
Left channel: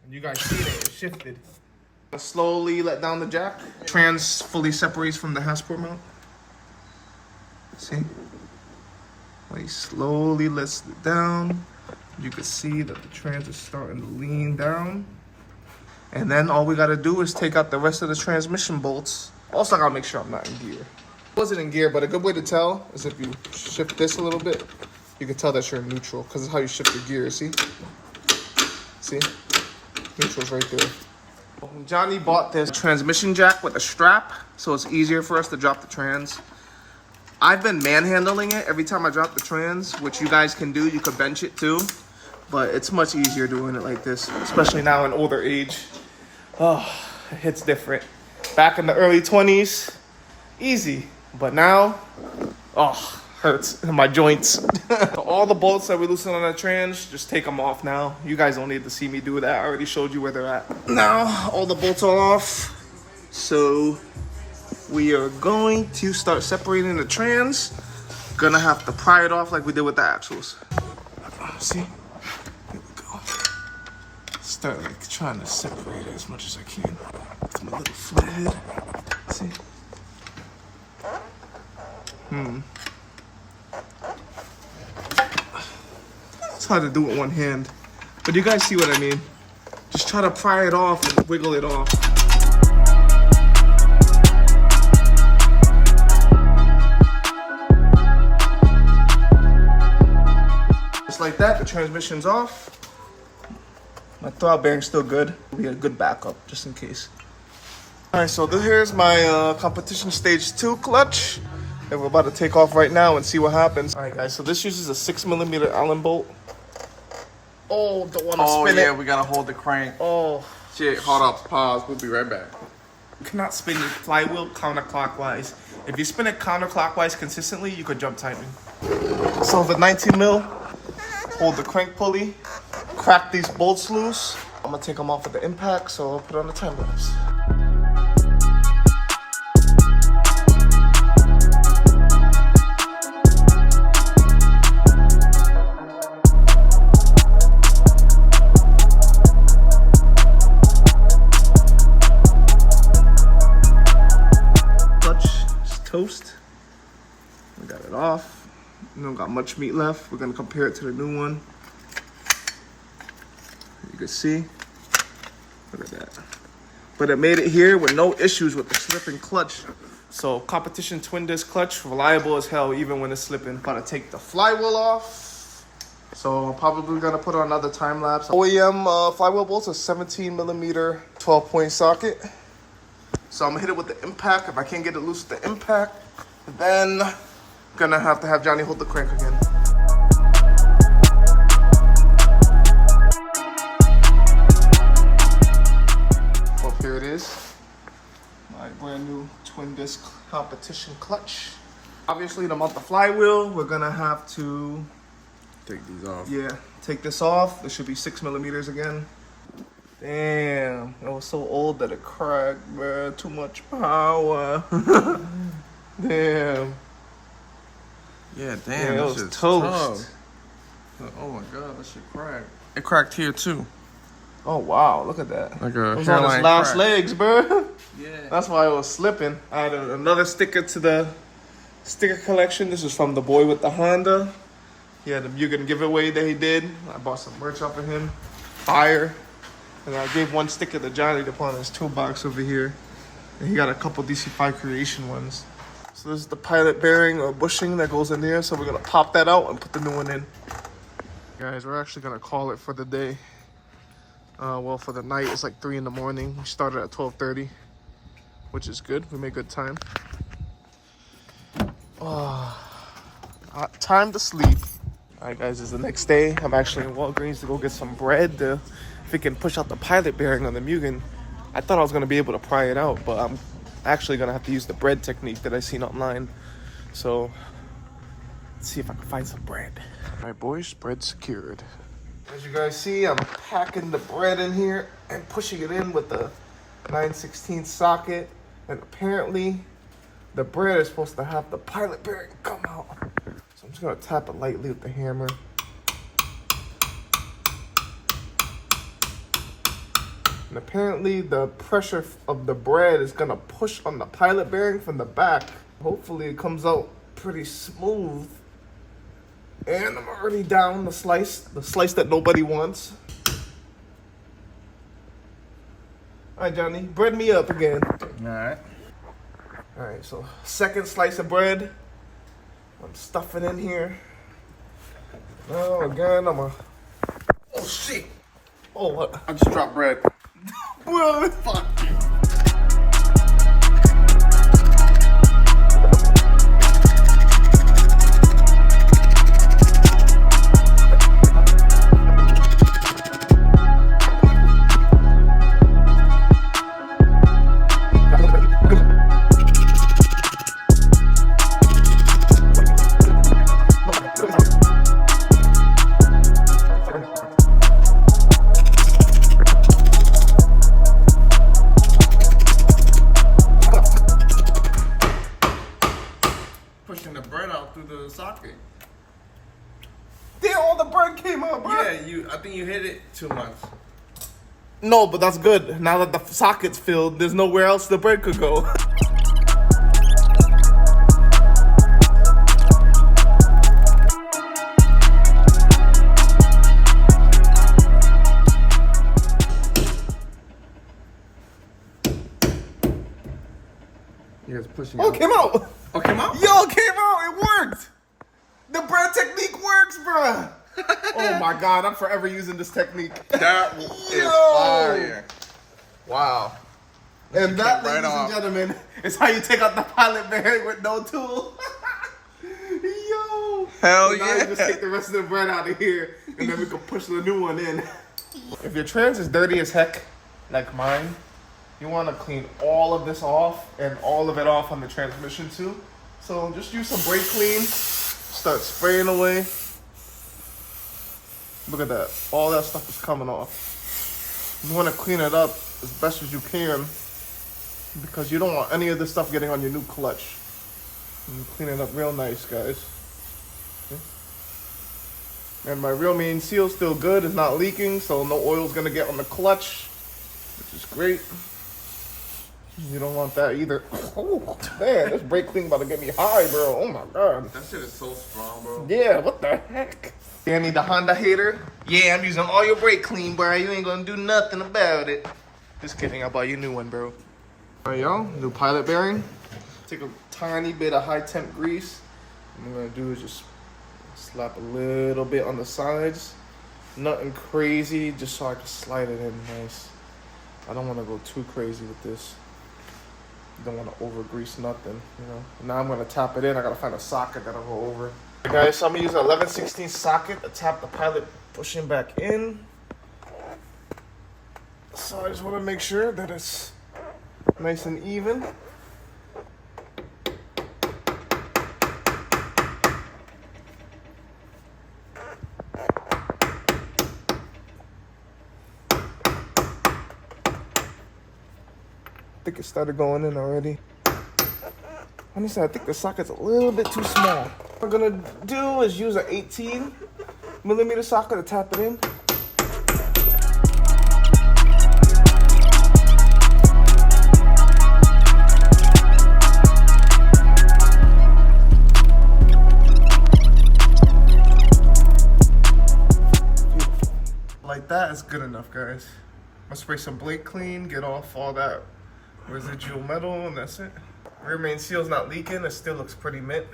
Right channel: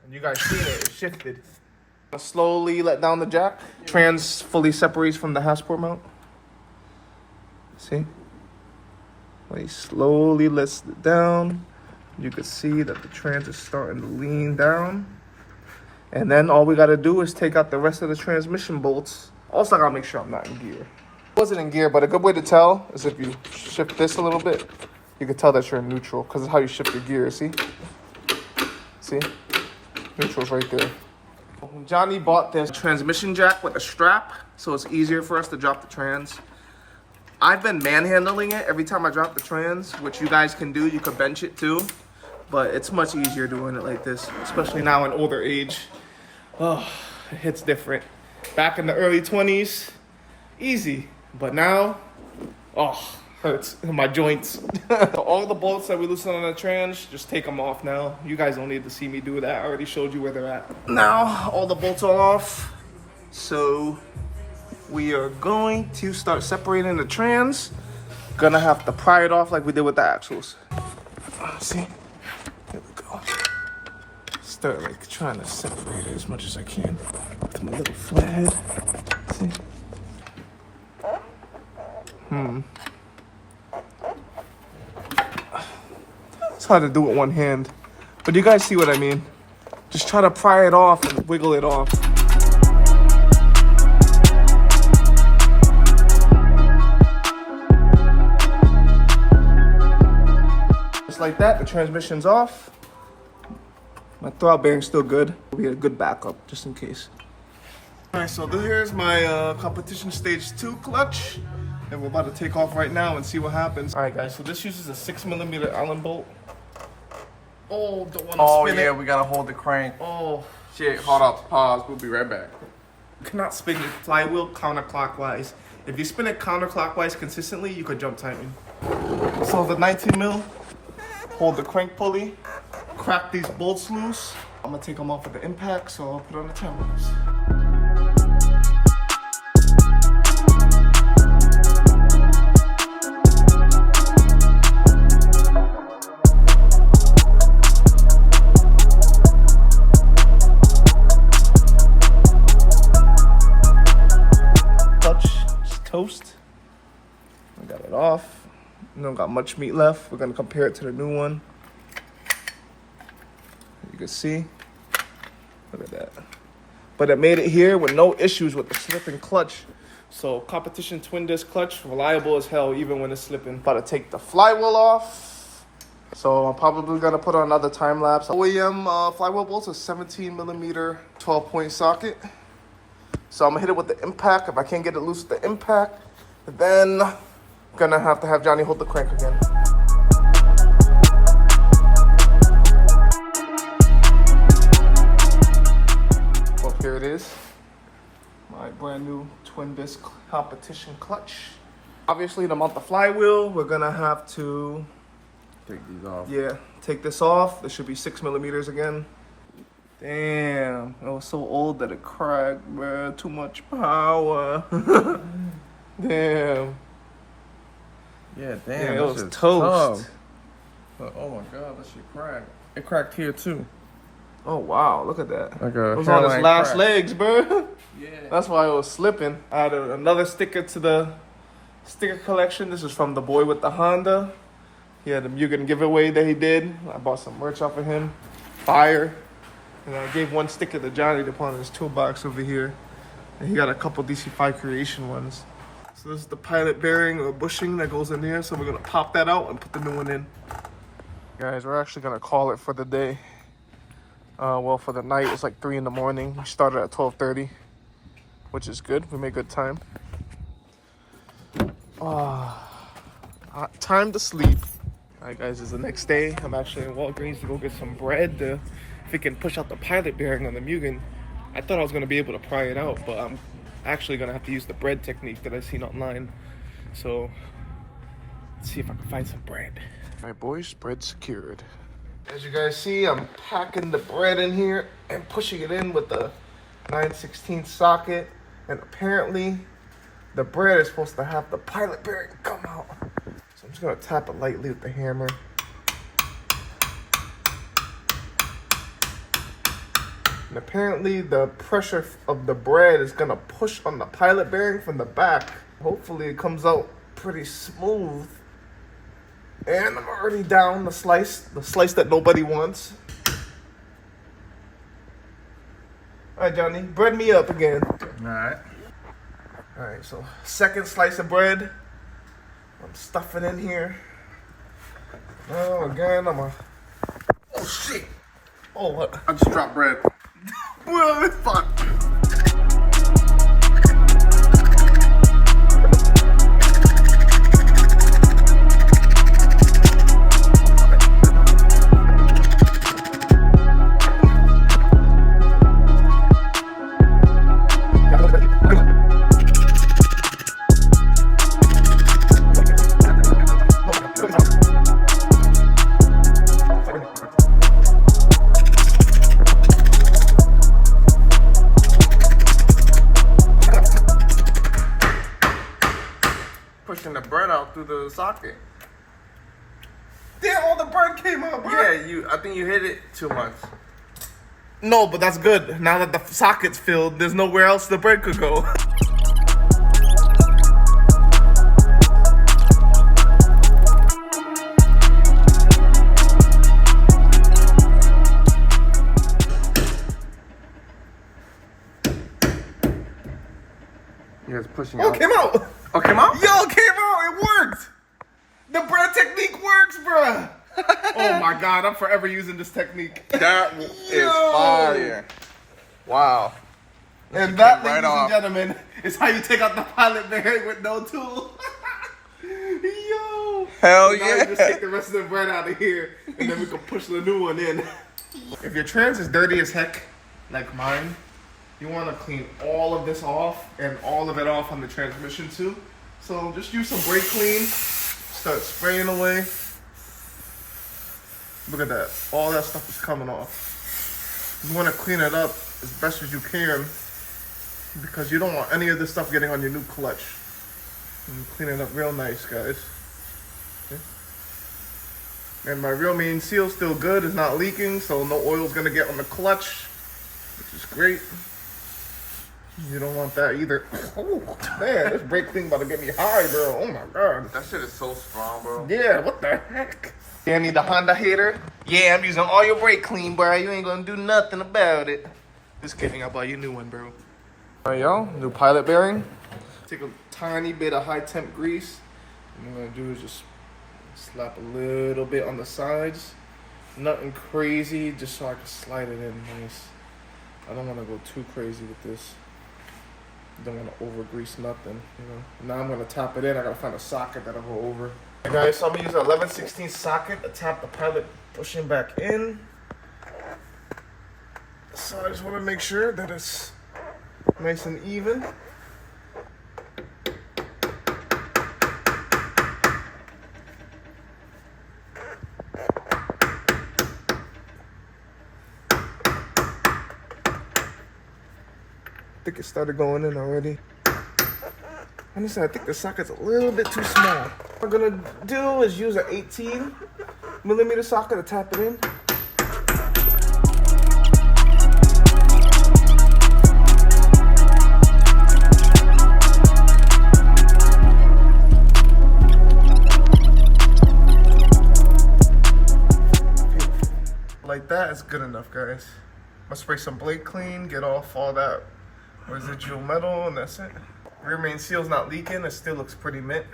And you guys seen it shifted. Slowly let down the jack. Trans fully separates from the Hasbro mount. See? When he slowly lets it down, you can see that the trans is starting to lean down. And then all we gotta do is take out the rest of the transmission bolts. Also, I gotta make sure I'm not in gear. I wasn't in gear, but a good way to tell is if you shift this a little bit, you can tell that you're in neutral, because it's how you shift your gear, see? See? Neutral's right there. Johnny bought this transmission jack with a strap, so it's easier for us to drop the trans. I've been manhandling it every time I drop the trans, which you guys can do. You could bench it too, but it's much easier doing it like this, especially now in older age. Oh, it hits different. Back in the early 20s, easy, but now, oh, hurts in my joints. All the bolts that we loosened on the trans, just take them off now. You guys don't need to see me do that. I already showed you where they're at. Now, all the bolts are off, so we are going to start separating the trans. Gonna have to pry it off like we did with the axles. See? Here we go. Start like trying to separate it as much as I can with my little flathead. See? It's hard to do with one hand. But you guys see what I mean. Just try to pry it off and wiggle it off. Just like that, the transmission's off. My throttle bearing's still good. We get a good backup, just in case. Alright, so here's my competition stage 2 clutch. And we're about to take off right now and see what happens. Alright guys, so this uses a 6mm Allen bolt. Oh, don't want to spin it. We gotta hold the crank. Oh. Shit, hold up, pause, we'll be right back. You cannot spin your flywheel counterclockwise. If you spin it counterclockwise consistently, you could jump timing. So the 19mm, hold the crank pulley, crack these bolts loose. I'm gonna take them off with the impact, so I'll put on the time lapse. Toast. We got it off. We don't got much meat left. We're gonna compare it to the new one. You can see. Look at that. But it made it here with no issues with the slipping clutch. So competition twin disc clutch, reliable as hell even when it's slipping. About to take the flywheel off. So I'm probably gonna put on another time lapse. OEM flywheel bolts, a 17mm 12-point socket. So I'm gonna hit it with the impact. If I can't get it loose with the impact, then I'm gonna have to have Johnny hold the crank again. Well, here it is. My brand new twin disc competition clutch. Obviously to mount the flywheel, we're gonna have to Take these off. Yeah, take this off. This should be 6mm again. Damn, it was so old that it cracked, bro. Too much power. Damn. Yeah, damn. Yeah, it was toast. Oh my god, that shit cracked. It cracked here too. Oh wow, look at that. Like a it was on its last crack. legs, bro. Yeah. That's why it was slipping. I had another sticker to the sticker collection. This is from the boy with the Honda. He had a Mugen giveaway that he did. I bought some merch off of him. Fire. And I gave one sticker to Johnny to put on his toolbox over here. And he got a couple DC5 Creation ones. So this is the pilot bearing or bushing that goes in there. So we're gonna pop that out and put the new one in. Guys, we're actually gonna call it for the day. Well, for the night, it's like 3 in the morning. We started at 12:30, which is good. We made good time. Time to sleep. All right, guys, it's the next day. I'm actually in Walgreens to go get some bread to, if it can push out the pilot bearing on the Mugen. I thought I was gonna be able to pry it out, but I'm actually gonna have to use the bread technique that I seen online. So let's see if I can find some bread. All right, boys, bread secured. As you guys see, I'm packing the bread in here and pushing it in with the 9/16 socket. And apparently the bread is supposed to have the pilot bearing come out. So I'm just gonna tap it lightly with the hammer. And apparently the pressure of the bread is gonna push on the pilot bearing from the back. Hopefully it comes out pretty smooth. And I'm already down the slice that nobody wants. All right, Johnny, bread me up again. All right. All right, so second slice of bread. I'm stuffing in here. Now again, oh shit. Oh, what? I just dropped bread. Bro, fuck. Pushing the bread out through the socket. Damn, all the bread came out, bro. Yeah, I think you hit it too much. No, but that's good. Now that the socket's filled, there's nowhere else the bread could go. Yeah, it's pushing Oh, out. it came out. Oh, it came out? Yo, it came out. It worked. The bread technique works, bruh. Oh my God, I'm forever using this technique. That is fire. Wow. And that, right ladies off. and gentlemen, is how you take out the pilot bearing with no tool. Yo. Hell So now yeah. you just take the rest of the bread out of here, and then we can push the new one in. If your trans is dirty as heck, like mine, you want to clean all of this off and all of it off on the transmission too. So just use some brake clean, start spraying away. Look at that. All that stuff is coming off. You want to clean it up as best as you can because you don't want any of this stuff getting on your new clutch. And clean it up real nice, guys. Okay. And my real main seal's still good. It's not leaking, so no oil's going to get on the clutch, which is great. You don't want that either. Oh, man, this brake thing about to get me high, bro. Oh, my God. That shit is so strong, bro. Yeah, what the heck? Danny the Honda hater. Yeah, I'm using all your brake clean, bro. You ain't gonna do nothing about it. Just kidding, I'll buy you a new one, bro. All right, y'all, new pilot bearing. Take a tiny bit of high temp grease. What I'm gonna do is just slap a little bit on the sides. Nothing crazy, just so I can slide it in nice. I don't wanna go too crazy with this. Don't wanna over grease nothing, you know. Now I'm gonna tap it in. I gotta find a socket that'll go over. Alright guys, so I'm gonna use an 11/16 socket to tap the pilot pushing back in. So I just wanna make sure that it's nice and even. I think it started going in already. Honestly, I think the socket's a little bit too small. What we're gonna do is use an 18mm socket to tap it in. Like that is good enough, guys. I'm gonna spray some brake clean, get off all that residual metal, and that's it. Rear main seal's not leaking, it still looks pretty mint.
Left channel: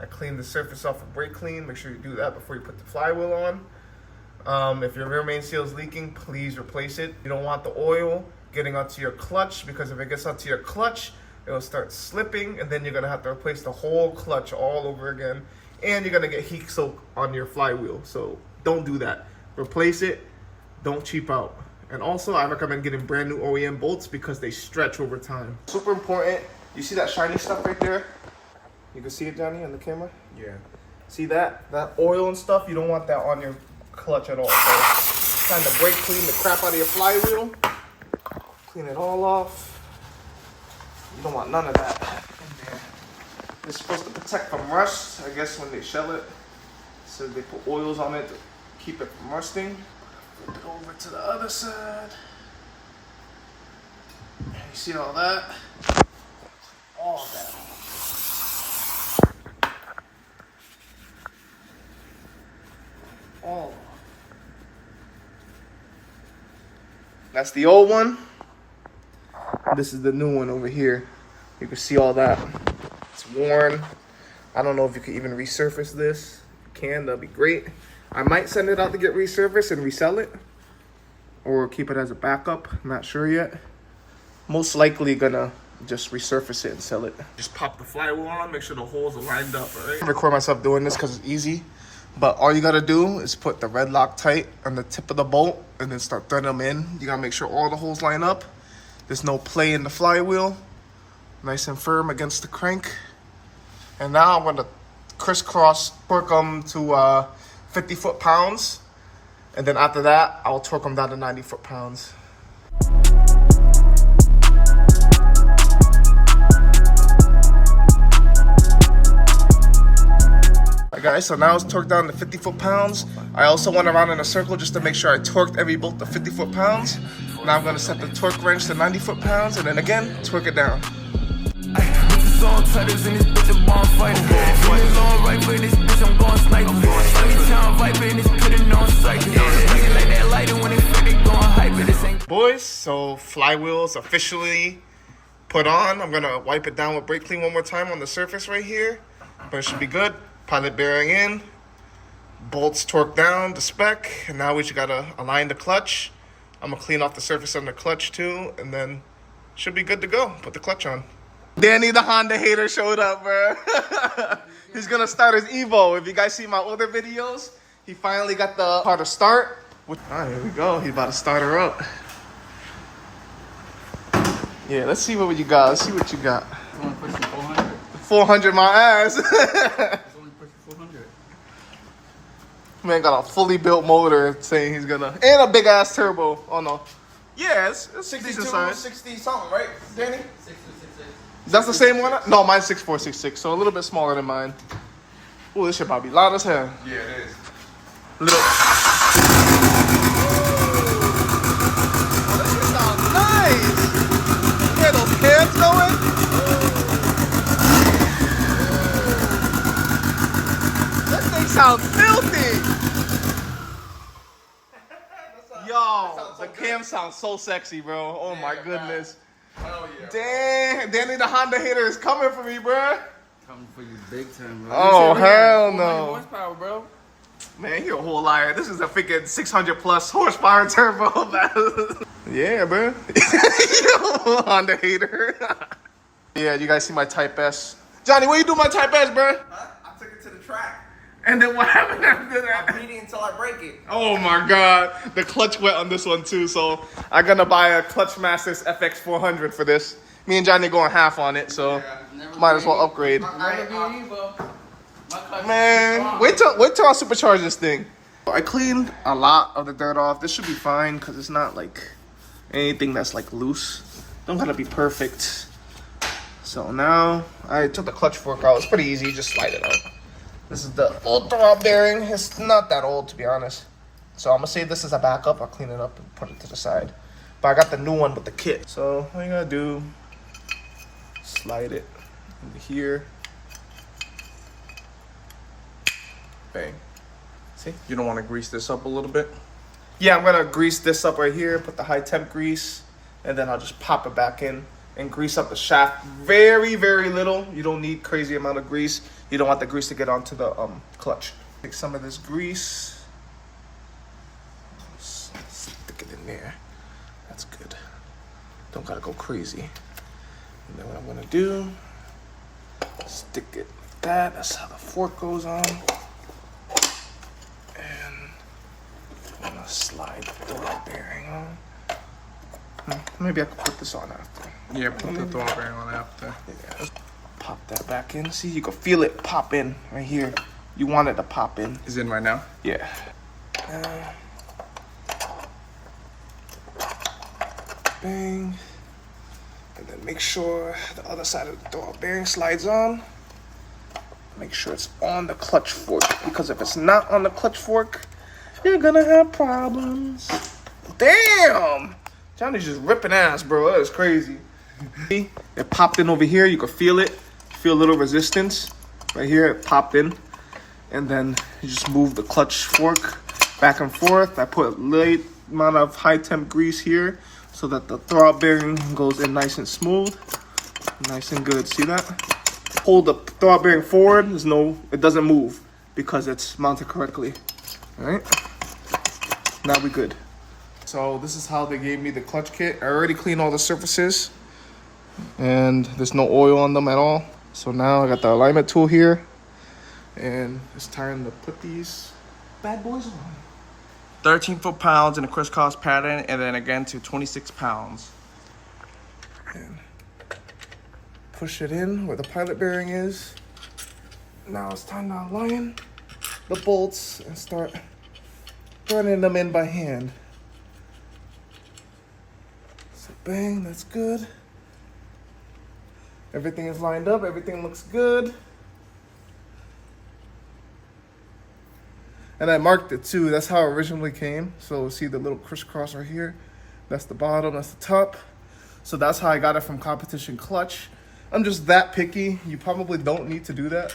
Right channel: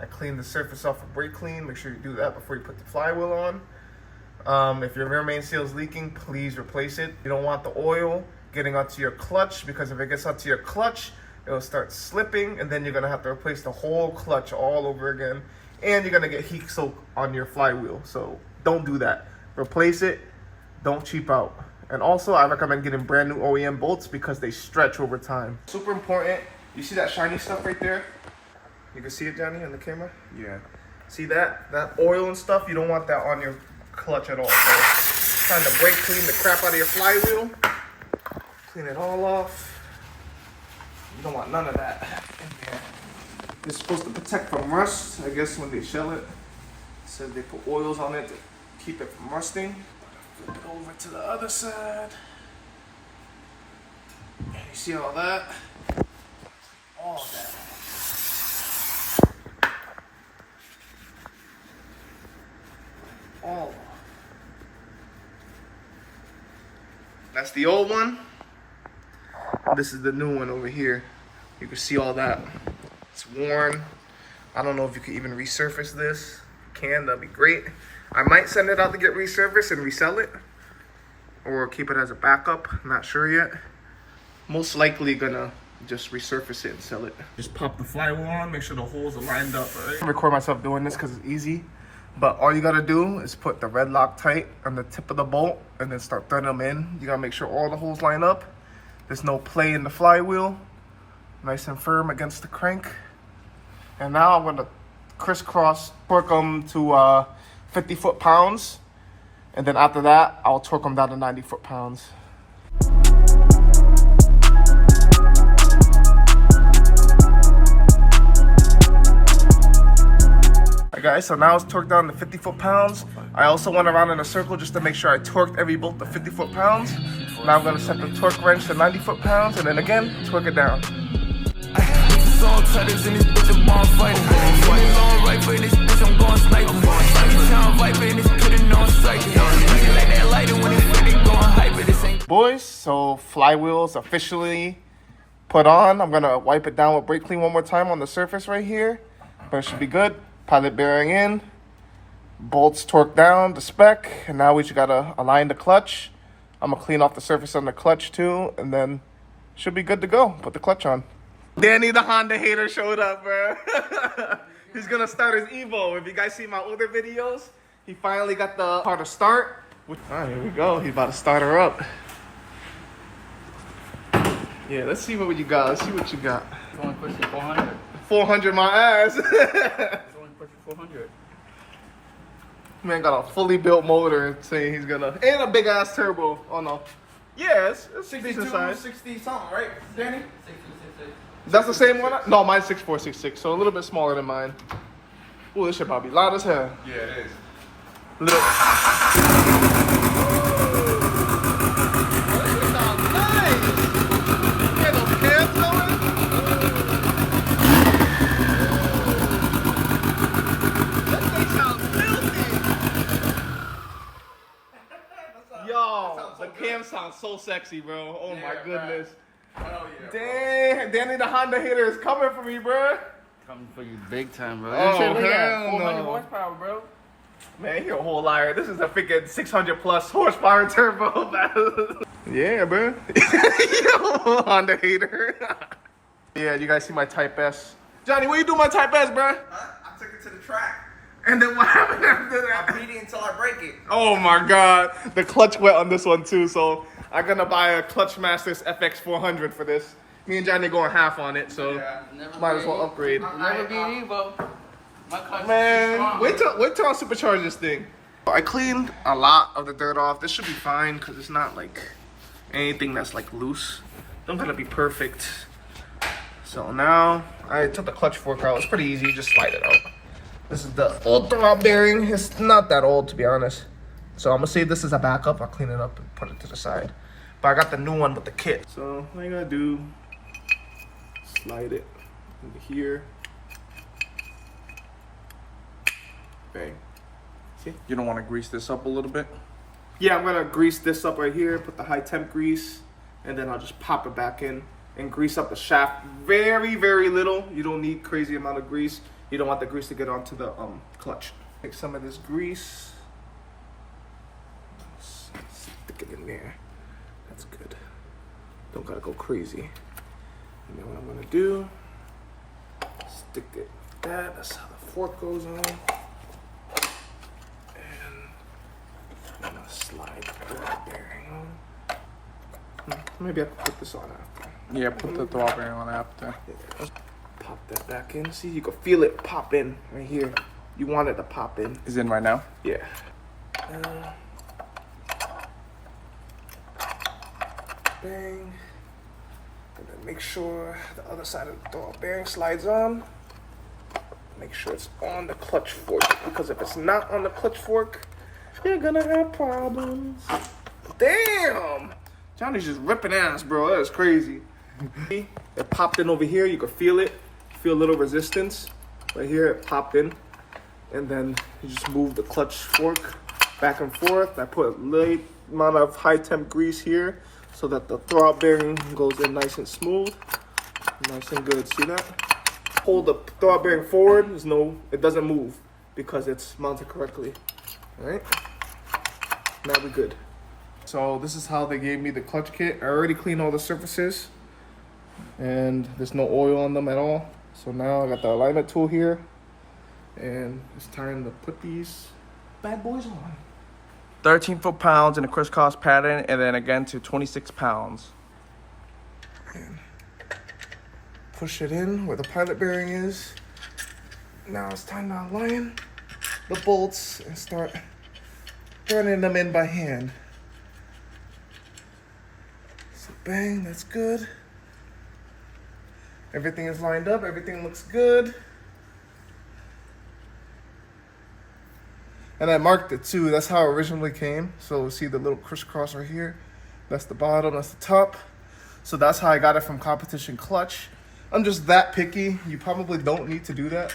I cleaned the surface off with brake clean. Make sure you do that before you put the flywheel on. If your rear main seal is leaking, please replace it. You don't want the oil getting onto your clutch, because if it gets onto your clutch, it'll start slipping, and then you're gonna have to replace the whole clutch all over again, and you're gonna get heat soak on your flywheel. So don't do that. Replace it, don't cheap out. And also, I recommend getting brand new OEM bolts because they stretch over time. Super important. You see that shiny stuff right there? You can see it, Johnny, on the camera? Yeah. See that? That oil and stuff, you don't want that on your clutch at all. So, trying to brake clean the crap out of your flywheel. Clean it all off. You don't want none of that in there. It's supposed to protect from rust, I guess, when they shell it. So they put oils on it to keep it from rusting. Flip it over to the other side. You see all that? All that. All. That's the old one. This is the new one over here. You can see all that. It's worn. I don't know if you can even resurface this. If you can, that'd be great. I might send it out to get resurfaced and resell it, or keep it as a backup. I'm not sure yet. Most likely gonna just resurface it and sell it. Just pop the flywheel on, make sure the holes are lined up. Right? I record myself doing this because it's easy, but all you gotta do is put the red Loctite on the tip of the bolt and then start threading them in. You gotta make sure all the holes line up. There's no play in the flywheel. Nice and firm against the crank. And now I'm gonna crisscross torque them to 50 foot-pounds, and then after that I'll torque them down to 90 foot-pounds. Alright guys, so now it's torqued down to 50 foot-pounds. I also went around in a circle just to make sure I torqued every bolt to 50 foot-pounds. Now I'm gonna set the torque wrench to 90 foot-pounds, and then again torque it down. Song titles in this bitch, I'm born fighting. Feelings on right for this bitch, I'm going sniper. Sunny town viper in this pit and on sight. Nigga like that lighter when they fit, they going hyper. This ain't. Boys, so flywheel's officially put on. I'm gonna wipe it down with brake clean one more time on the surface right here, but it should be good. Pilot bearing in, bolts torqued down to spec, and now we just gotta align the clutch. I'm gonna clean off the surface on the clutch too, and then should be good to go. Put the clutch on. Danny the Honda hater showed up, bro. He's gonna start his Evo. If you guys see my older videos, he finally got the car to start. All right, here we go. He's about to start her up. Yeah, let's see what you got. Let's see what you got. It's only pushing 400. 400 my ass. It's only pushing 400. Man got a fully built motor saying he's gonna, and a big ass turbo. Oh no. Yeah, it's decent size. 60 something, right, Danny? 6266. That's the same one? No, mine's 6466, so a little bit smaller than mine. Ooh, this shit probably loud as hell. Yeah, it is. Little. Oh, this shit sounds nice. You hear those cans going? This thing sounds filthy. Yo, the cam sounds so sexy, bro. Oh my goodness. Hell yeah. Damn, Danny the Honda hater is coming for me, bro. Coming for you big time, bro. Oh, This shit, look at hell 400 no. horsepower, bro. Man, you're a whole liar. This is a freaking 600 plus horsepower turbo. Yeah, bro. Yo, Honda hater. Yeah, you guys see my Type S. Johnny, what you do with my Type S, bro? Huh? I took it to the track. And then what happened after I that? beat it until I break it. Oh my god. The clutch wet on this one too, so I'm gonna buy a Clutch Masters FX 400 for this. Me and Johnny going half on it, so might as well upgrade. Never be an Evo. My clutch is Man, strong. wait till I supercharge this thing. I cleaned a lot of the dirt off. This should be fine because it's not like anything that's like loose. Don't gotta be perfect. So now I took the clutch fork out. It's pretty easy, just slide it out. This is the old throb bearing. It's not that old, to be honest. So I'm gonna save this as a backup. I'll clean it up and put it to the side. But I got the new one with the kit. So what you gotta do, slide it into here. Bang. See? You don't want to grease this up a little bit? Yeah, I'm gonna grease this up right here, put the high temp grease, and then I'll just pop it back in and grease up the shaft very, very little. You don't need crazy amount of grease. You don't want the grease to get onto the clutch. Take some of this grease, stick it in there. That's good. Don't gotta go crazy. And then what I'm gonna do, stick it like that. That's how the fork goes on. I'm gonna slide the throb bearing on. Maybe I could put this on after. Yeah, put the throb bearing on after. Yeah. Pop that back in. See, you can feel it pop in right here. You want it to pop in. Is in right now? Yeah. Bang. And then make sure the other side of the throb bearing slides on. Make sure it's on the clutch fork, because if it's not on the clutch fork, you're gonna have problems. Damn! Johnny's just ripping ass, bro. That was crazy. It popped in over here. You can feel it. Feel a little resistance. Right here, it popped in. And then you just move the clutch fork back and forth. I put a light amount of high temp grease here so that the throb bearing goes in nice and smooth. Nice and good. See that? Hold the throb bearing forward. It doesn't move because it's mounted correctly. All right? Now we good. So this is how they gave me the clutch kit. I already cleaned all the surfaces and there's no oil on them at all. So now I got the alignment tool here and it's time to put these bad boys on. 13 foot-pounds in a crisscross pattern, and then again to 26 pounds. And push it in where the pilot bearing is. Now it's time to align the bolts and start running them in by hand. So bang, that's good. Everything is lined up, everything looks good. And I marked it too, that's how it originally came. So see the little crisscross right here? That's the bottom, that's the top. So that's how I got it from Competition Clutch. I'm just that picky. You probably don't need to do that,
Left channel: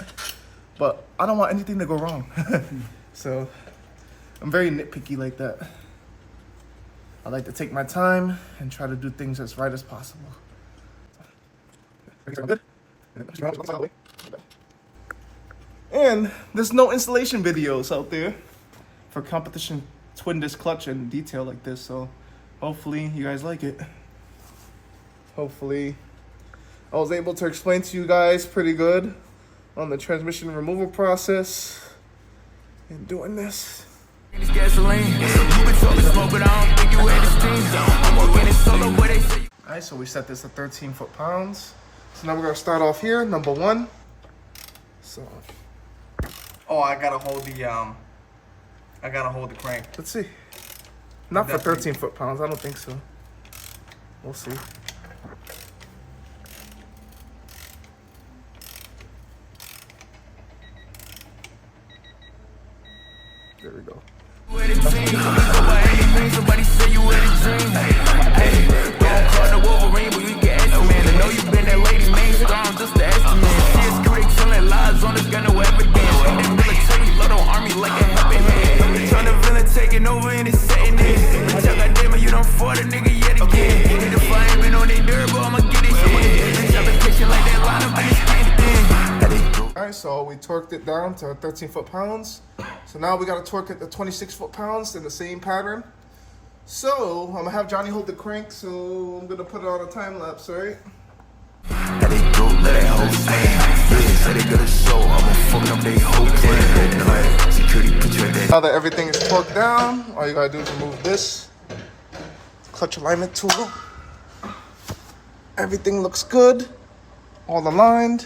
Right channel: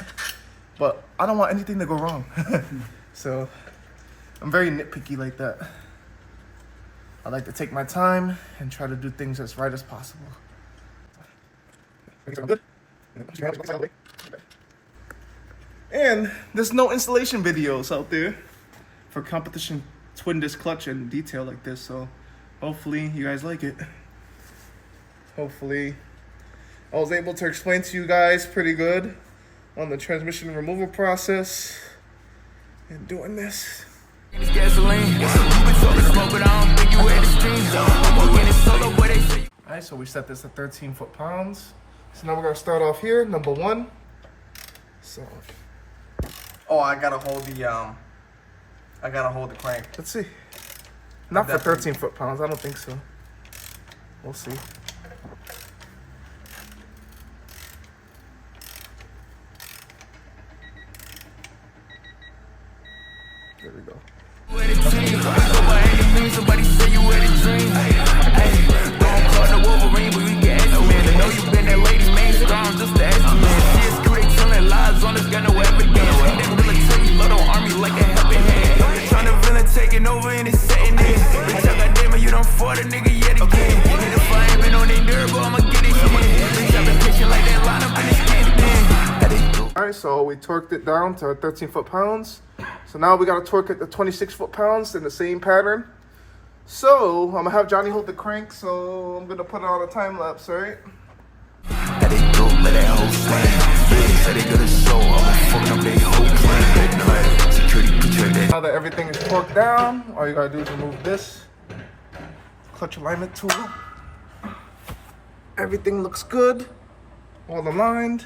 but I don't want anything to go wrong. So I'm very nitpicky like that. I like to take my time and try to do things as right as possible. Good. And there's no installation videos out there for competition twin disc clutch in detail like this, so hopefully you guys like it. Hopefully I was able to explain to you guys pretty good on the transmission removal process and doing this. It's gasoline. You been talking smoke, but I don't think you had the steam. I'm working it solo, but they say. Alright, so we set this to 13 foot-pounds. So now we're gonna start off here, number 1. So Oh, I gotta hold the crank. let's see. Not for 13 foot-pounds, I don't think so. We'll see. There we go. Somebody say you had a dream. Hey, don't call the Wolverine, but we can ask you, man. I know you been that lady, man. Strong, just to ask you, man. CSQ, they telling lies on us, got no evidence. That military, Lotto army like a helping hand. Trying to villain taking over and it's setting in. Bitch, I got damn it, you done fought a nigga yet again. And if I ain't been on they nerve, I'ma get it shit. Bitch, I been pitching like that lineup and it's getting thin. Alright, so we torqued it down to 13 foot-pounds. So now we gotta torque it to 26 foot-pounds in the same pattern. So I'm gonna have Johnny hold the crank, so I'm gonna put it on a time lapse, alright? How they go, let that whole slam. Yeah, say they gonna show, I'ma fuck up they whole plan. Security picture that. Now that everything is torqued down, all you gotta do is remove this clutch alignment tool. Everything looks good, all aligned.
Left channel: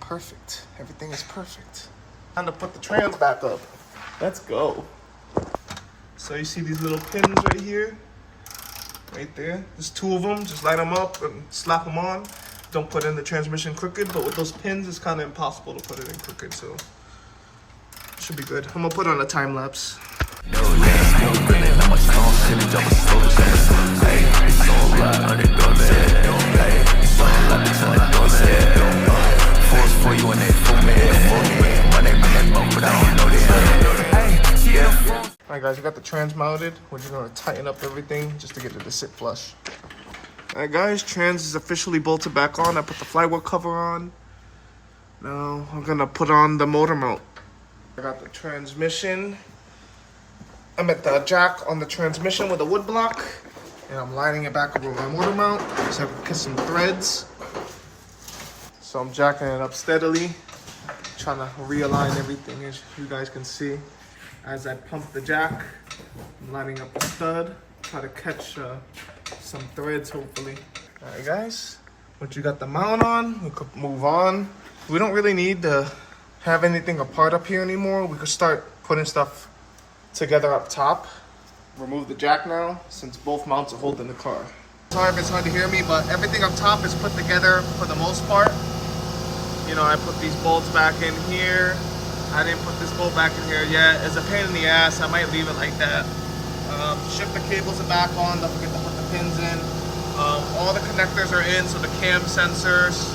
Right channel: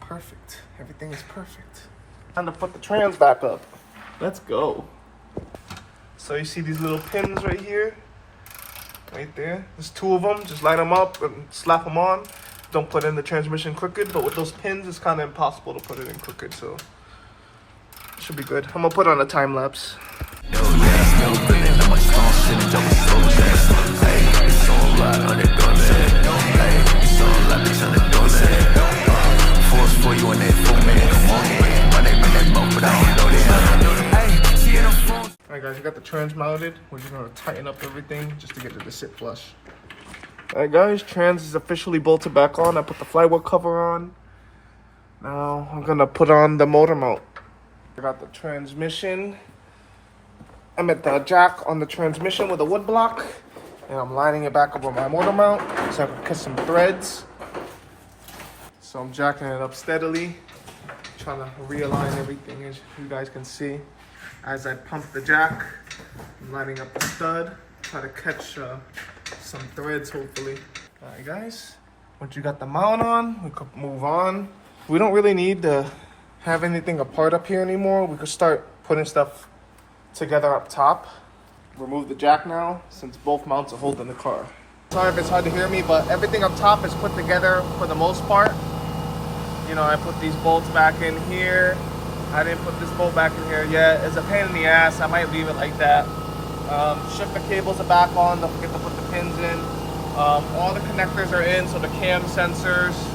Perfect, everything is perfect. Time to put the trans back up. Let's go. So you see these little pins right here? Right there. There's 2 of them. Just line them up and slap them on. Don't put in the transmission crooked, but with those pins, it's kind of impossible to put it in crooked, so should be good. I'm gonna put on a time lapse. No, that's no grinning. I'm a strong shit and jump a slow chance. Hey, it's all right under dormant. Hey, it's all right between the dormant. Force for you and that full man. My name in that mouth, but I don't know that. Hey, she in the phone. Alright guys, we got the trans mounted. We're just gonna tighten up everything just to get it to sit flush. Alright guys, trans is officially bolted back on. I put the flywheel cover on. Now I'm gonna put on the motor mount. I got the transmission. I'm at the jack on the transmission with a wood block. And I'm lining it back up on my motor mount. So I can cut some threads. So I'm jacking it up steadily. Trying to realign everything, as you guys can see. As I pump the jack, I'm lining up the stud. Try to catch some threads, hopefully. Alright guys, once you got the mount on, we could move on. We don't really need to have anything apart up here anymore. We could start putting stuff together up top. Remove the jack now, since both mounts are holding the car. Sorry if it's hard to hear me, but everything up top is put together for the most part. You know, I put these bolts back in here. I didn't put this bolt back in here yet. It's a pain in the ass. I might leave it like that. Shifter cables are back on. Don't forget to put the pins in. All the connectors are in, so the cam sensors,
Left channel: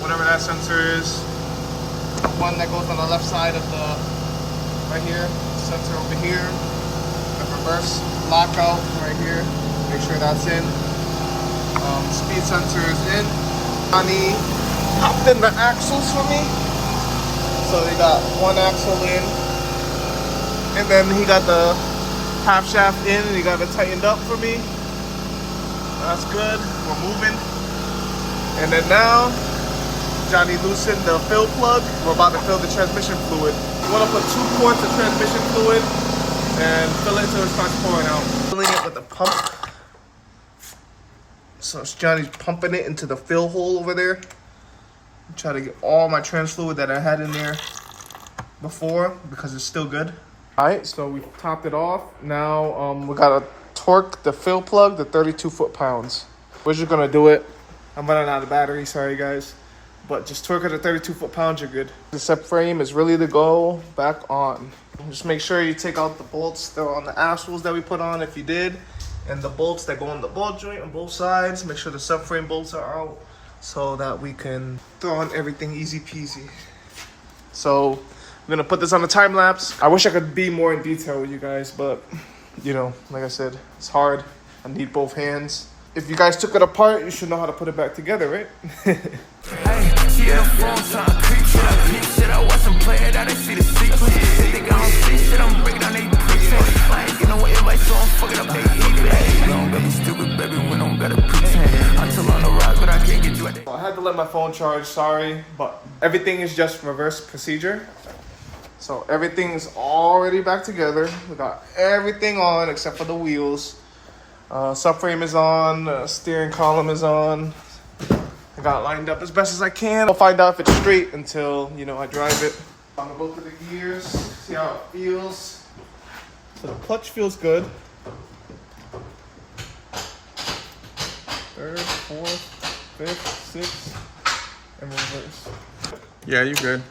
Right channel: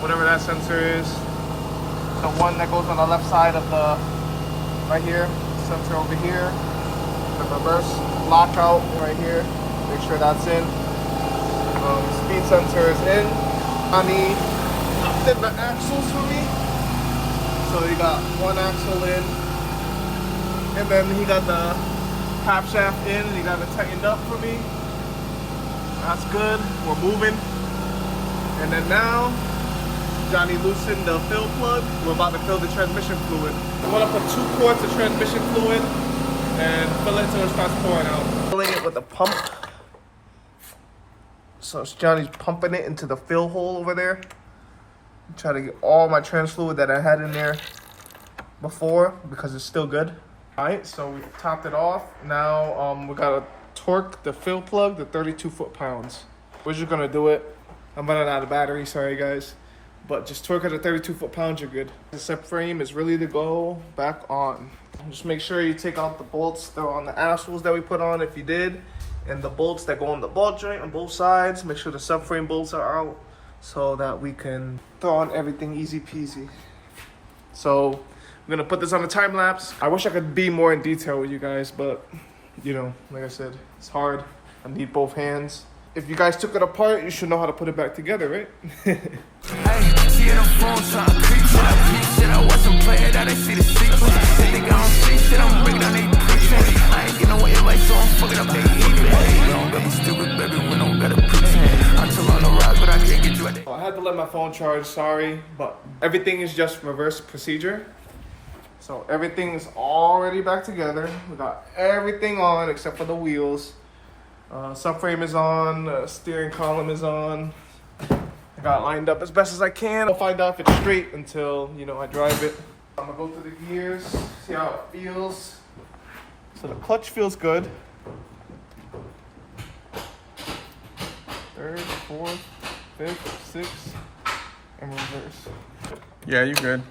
whatever that sensor is. The one that goes on the left side of the, right here, sensor over here. The reverse lockout right here. Make sure that's in. Speed sensor is in. Johnny popped in the axles for me. So he got one axle in, and then he got the half shaft in, and he got it tightened up for me. That's good. We're moving. And then now, Johnny loosened the fill plug. We're about to fill the transmission fluid. We want to put 2 quarts of transmission fluid and fill it until it starts pouring out. Filling it with a pump. So Johnny's pumping it into the fill hole over there. Try to get all my trans fluid that I had in there before because it's still good. All right, so we topped it off. Now we gotta torque the fill plug to 32 foot-pounds. We're just gonna do it. I'm running out of battery, sorry guys. But just torque it at 32 foot-pounds, you're good. The subframe is ready to go back on. Just make sure you take out the bolts that are on the axles that we put on if you did. And the bolts that go on the ball joint on both sides. Make sure the subframe bolts are out, so that we can throw on everything easy peasy. So I'm gonna put this on a time lapse. I wish I could be more in detail with you guys, but you know, like I said, it's hard. I need both hands. if you guys took it apart, you should know how to put it back together, right? Hey, she in the phone trying to creep shit. I peep shit. I watch them play it out. They see the secret. They think I don't see shit. I'm breaking down they preaching. I ain't getting away advice, so I'm fucking up they even. Hey, don't be stupid, baby. We don't gotta pretend. I'm still on the rise, but I can't get you at the. I had to let my phone charge, sorry, but everything is just reverse procedure. So everything's already back together. We got everything on except for the wheels. Subframe is on, steering column is on. I got it lined up as best as I can. I'll find out if it's straight until, you know, I drive it. I'm gonna go through the gears, see how it feels. So the clutch feels good. Third, fourth, fifth, sixth, and reverse. Yeah, you good.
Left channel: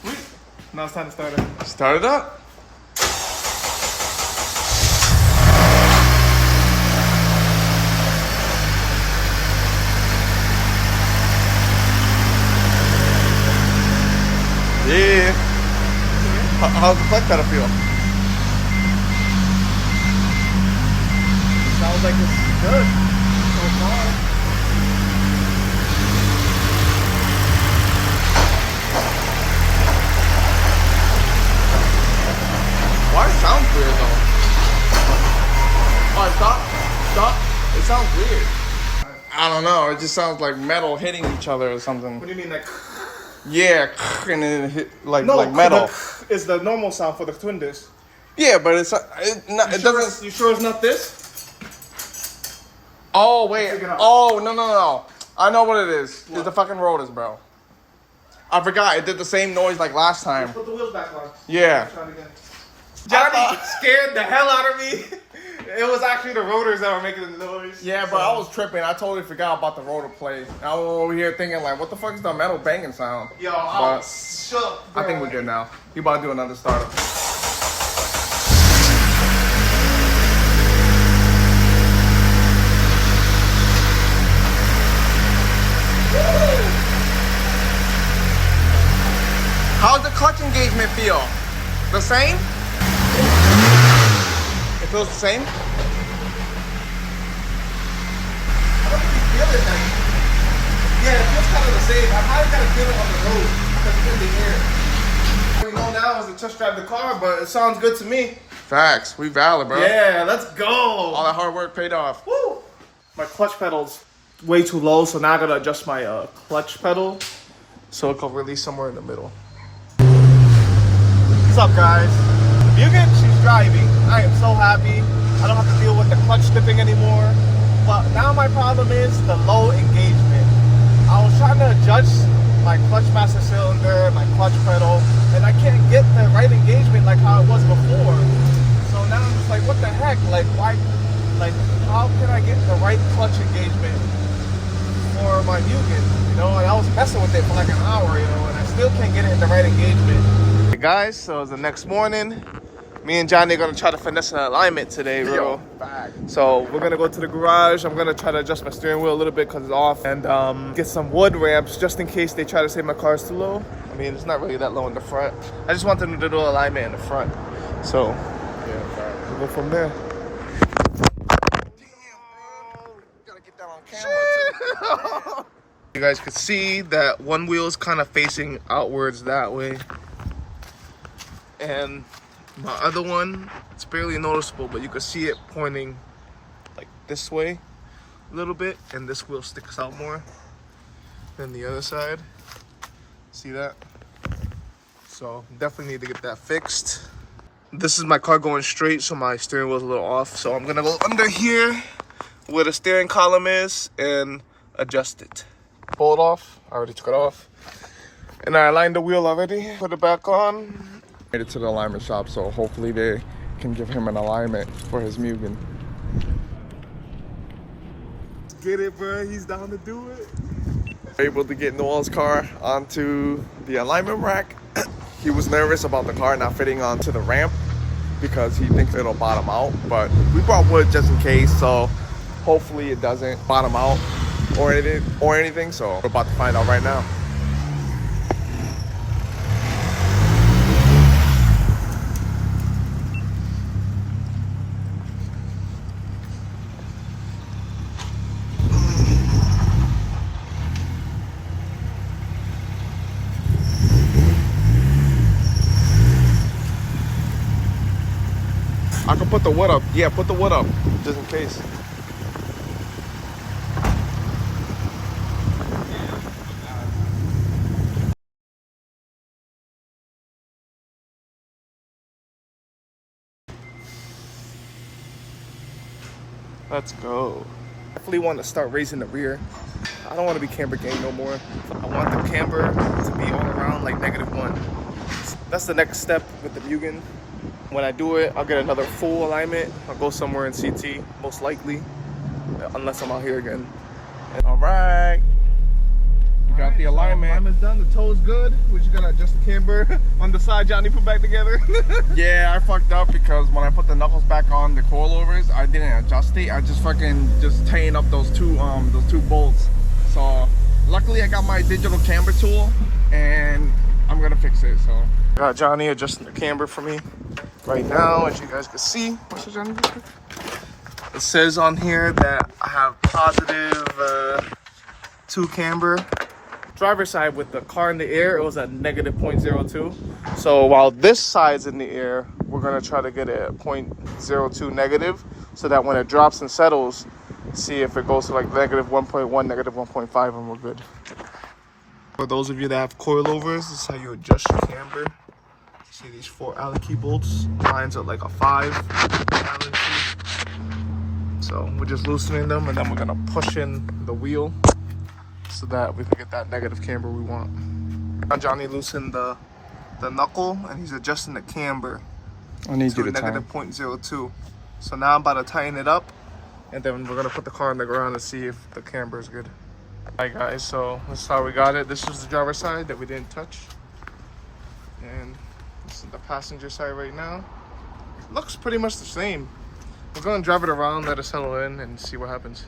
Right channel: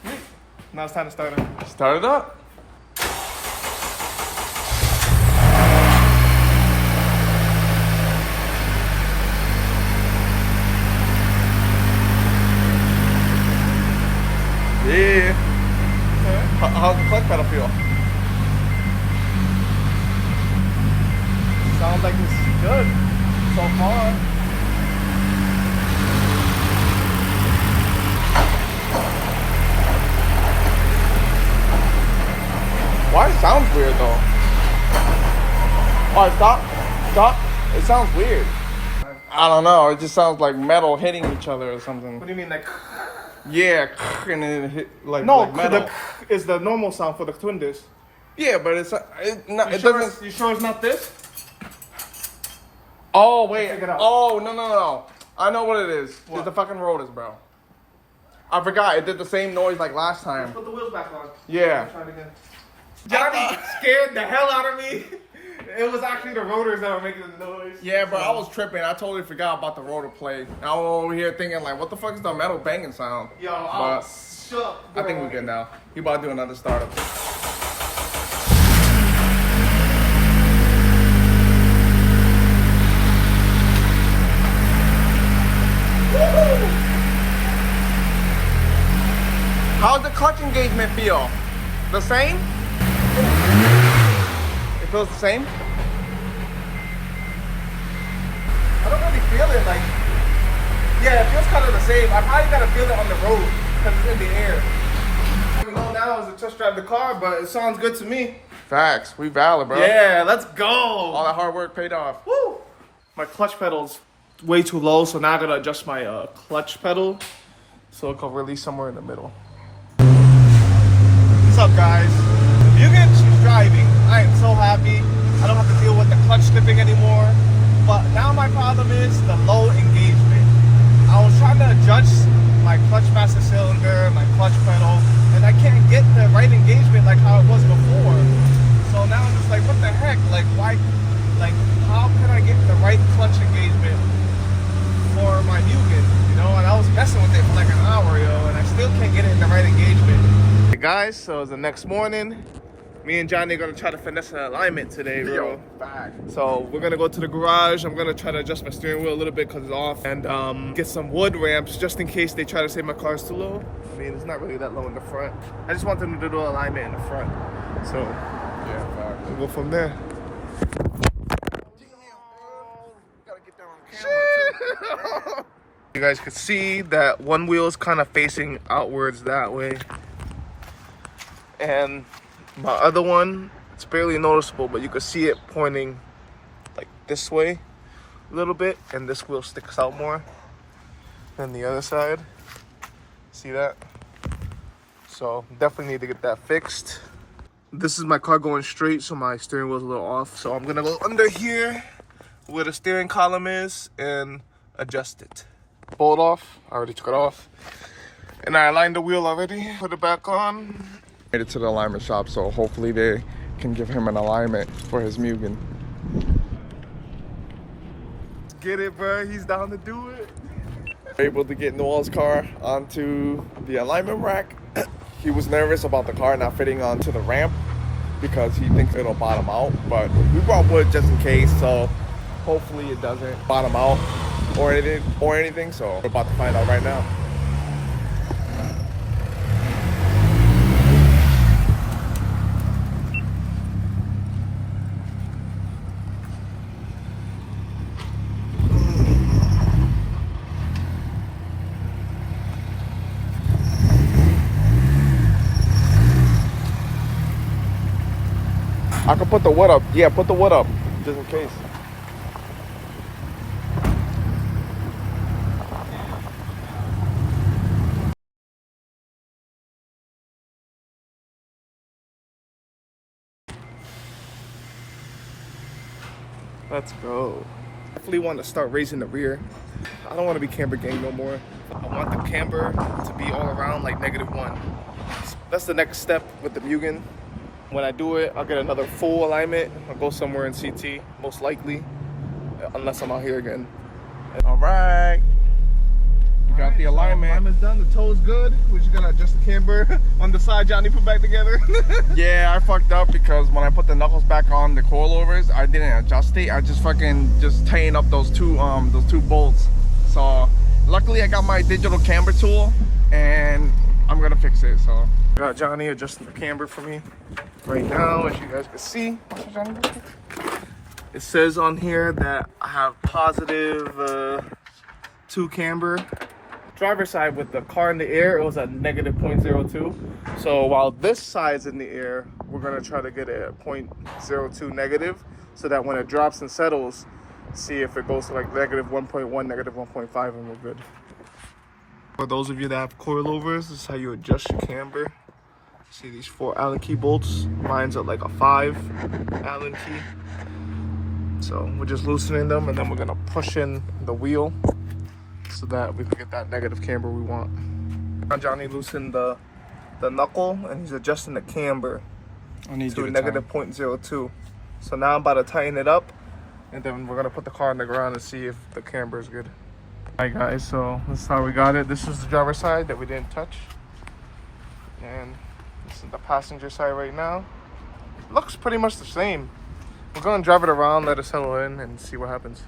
Sweet. Now it's time to start it. Start it up. Yeah. How's the clutch pedal feel? Sounds like it's good. Why it sounds weird though? Oh, stop. It sounds weird. I don't know. It just sounds like metal hitting each other or something. What do you mean, like? Yeah, and then it hit like metal. Is the normal sound for the twin disc. Yeah, but it doesn't. You sure it's not this? Oh wait. Check it out. Oh no. I know what it is. It's the fucking rotors, bro. I forgot. It did the same noise like last time. Put the wheels back on. Yeah. Try it again. Johnny scared the hell out of me. It was actually the rotors that were making the noise. Yeah, bro, I was tripping. I totally forgot about the rotor plate. I was over here thinking like, what the fuck is the metal banging sound? Yo, But shut. I think we're good now. You about to do another startup. How's the clutch engagement feel? The same? It feels the same? I don't really feel it like. Yeah, it feels kind of the same. I probably gotta feel it on the road because it's in the air. All we know now is to test drive the car, but it sounds good to me. Facts. We valid, bro. Yeah, let's go. All that hard work paid off. Woo! My clutch pedal's way too low, so now I gotta adjust my clutch pedal so it can release somewhere in the middle. What's up, guys? Mugen, she's driving. I am so happy. I don't have to deal with the clutch slipping anymore. But now my problem is the low engagement. I was trying to adjust my clutch master cylinder, my clutch pedal, and I can't get the right engagement like how it was before. So now I'm just like, what the heck? Like, why? Like, how can I get the right clutch engagement for my Mugen? You know, and I was messing with it for like an hour, yo, and I still can't get it in the right engagement. Hey guys, so it's the next morning. Me and Johnny are gonna try to finesse an alignment today, bro. So we're gonna go to the garage. I'm gonna try to adjust my steering wheel a little bit because it's off, and get some wood ramps just in case they try to say my car's too low. I mean, it's not really that low in the front. I just want them to do alignment in the front. So yeah, we'll go from there. You guys could see that one wheel is kind of facing outwards that way, and my other one, it's barely noticeable, but you can see it pointing like this way a little bit, and this wheel sticks out more than the other side. See that? So definitely need to get that fixed. This is my car going straight, so my steering wheel's a little off. So I'm gonna go under here where the steering column is and adjust it. Pull it off. I already took it off. And I aligned the wheel already. Put it back on. Made it to the alignment shop, so hopefully they can give him an alignment for his Mugen. Let's get it, bro. He's down to do it. Able to get Noel's car onto the alignment rack. He was nervous about the car not fitting onto the ramp because he thinks it'll bottom out, but we brought wood just in case, so hopefully it doesn't bottom out or anything. So we're about to find out right now. I can put the wood up. Yeah, put the wood up, just in case. Let's go. Definitely want to start raising the rear. I don't want to be camber gang no more. I want the camber to be all around like -1. That's the next step with the Mugen. When I do it, I'll get another full alignment. I'll go somewhere in CT, most likely, unless I'm out here again. All right. We got the alignment. Alignment's done. The toe's good. We're just gonna adjust the camber on the side. Johnny put back together. Yeah, I fucked up because when I put the knuckles back on the coilovers, I didn't adjust it. I just tightened up those two bolts. So luckily I got my digital camber tool and I'm gonna fix it. So Got Johnny adjusting the camber for me right now, as you guys can see. What's it, Johnny? It says on here that I have positive 2 camber. Driver's side with the car in the air, it was at -0.02. So while this side's in the air, we're gonna try to get it at 0.02 negative, so that when it drops and settles, see if it goes to like -1.1, -1.5, and we're good. For those of you that have coilovers, this is how you adjust your camber. See these 4 Allen key bolts? Mine's at like a 5 Allen key. So we're just loosening them, and then we're gonna push in the wheel so that we can get that negative camber we want. Now Johnny loosened the knuckle, and he's adjusting the camber I need to you to time. -0.02. So now I'm about to tighten it up, and then we're gonna put the car on the ground and see if the camber is good. All right guys, so this is how we got it. This is the driver's side that we didn't touch, and this is the passenger side right now. Looks pretty much the same. We're gonna drive it around, let it settle in, and see what happens.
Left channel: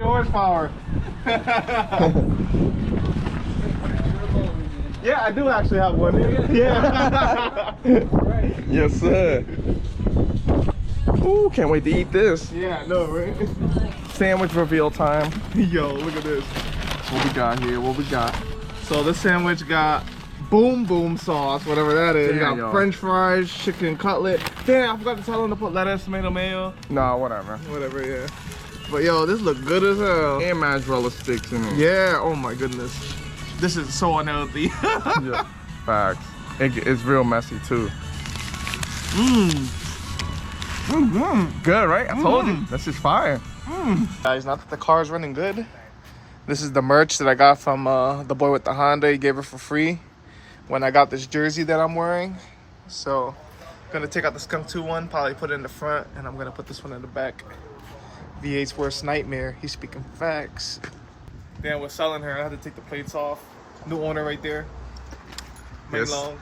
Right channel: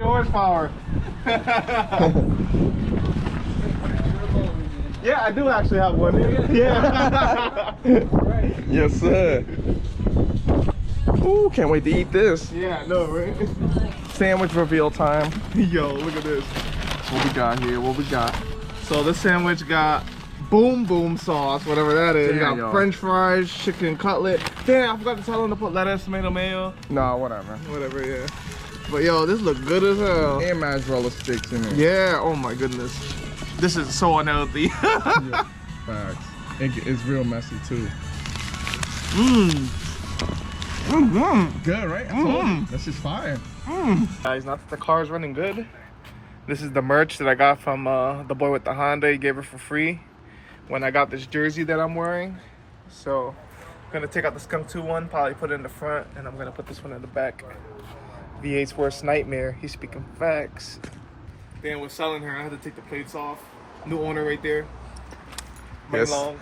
Horsepower. Yeah, I do actually have one. Yeah. Yes, sir. Ooh, can't wait to eat this. Yeah, I know, right? Sandwich reveal time. Yo, look at this. What we got here? What we got? So this sandwich got boom boom sauce, whatever that is. Damn, Got yo. French fries, chicken cutlet. Damn, I forgot to tell them to put lettuce, tomato mayo, Nah, whatever. whatever. Yeah. But yo, this look good as hell. And mozzarella sticks in it. Yeah. Oh my goodness. This is so unhealthy. Yeah. Facts. It's real messy too. Good, right? I told you. This is fire. Guys, not that the car is running good. This is the merch that I got from the boy with the Honda. He gave it for free when I got this jersey that I'm wearing. So I'm gonna take out the Skunk 2 one, probably put it in the front, and I'm gonna put this one in the back. V8's worst nightmare. He's speaking facts. Then we're selling her. I had to take the plates off. New owner right there. Yes. Long.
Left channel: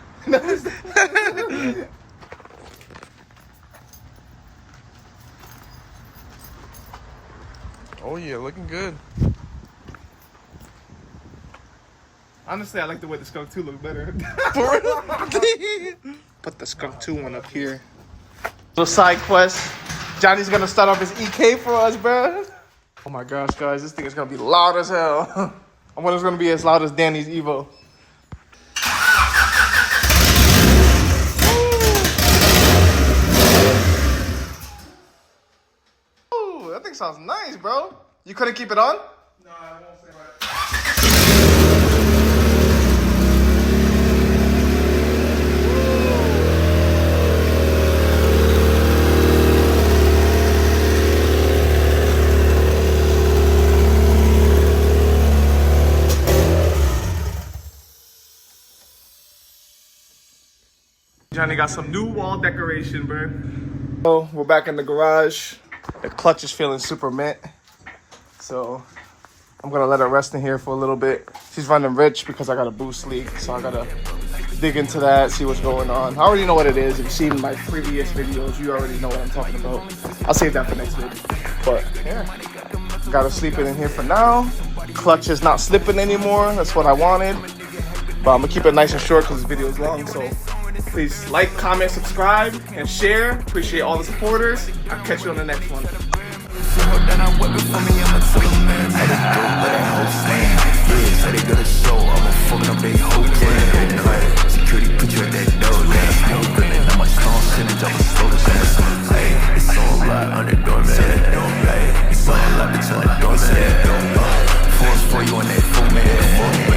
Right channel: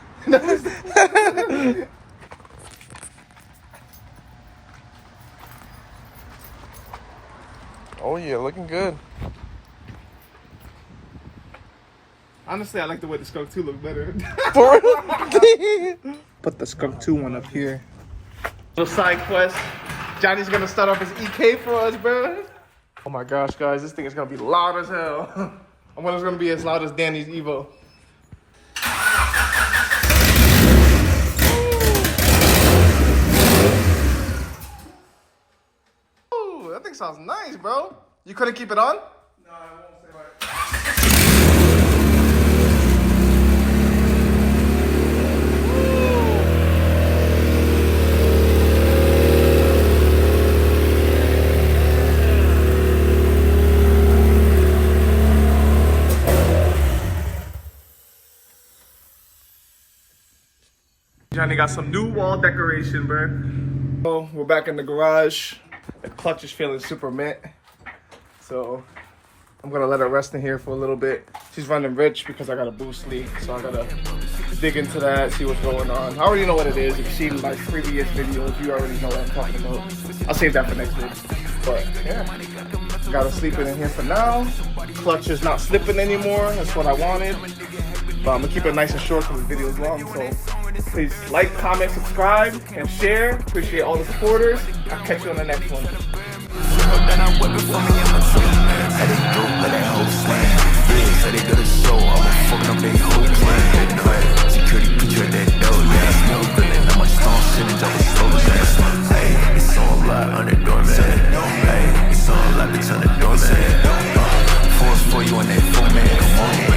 Oh yeah, looking good. Honestly, I like the way the Skunk 2 look better. Put the Skunk 2 one up here. Little side quest. Johnny's gonna start off his EK for us, bro. Oh my gosh, guys, this thing is gonna be loud as hell. I wonder if it's gonna be as loud as Danny's Evo. Ooh, that thing sounds nice, bro. You couldn't keep it on? No, I won't say right. Johnny got some new wall decoration, bro. So we're back in the garage. The clutch is feeling super mint. So I'm gonna let her rest in here for a little bit. She's running rich because I got a boost leak. So I gotta dig into that, see what's going on. I already know what it is. If you've seen my previous videos, you already know what I'm talking about. I'll save that for next video. But yeah, gotta sleep in here for now. Clutch is not slipping anymore. That's what I wanted. But I'm gonna keep it nice and short because this video is long. So please like, comment, subscribe, and share. Appreciate all the supporters. I'll catch you on the next one. Then I whip it for me, I'm a man. Had it dope, let that hoe stand. Yeah, so they got a show, I'ma fuck up they whole plan. Cut, security put you at that door, yeah. Smoke grilling, I'm a strong shit and drop a solo ass. for me.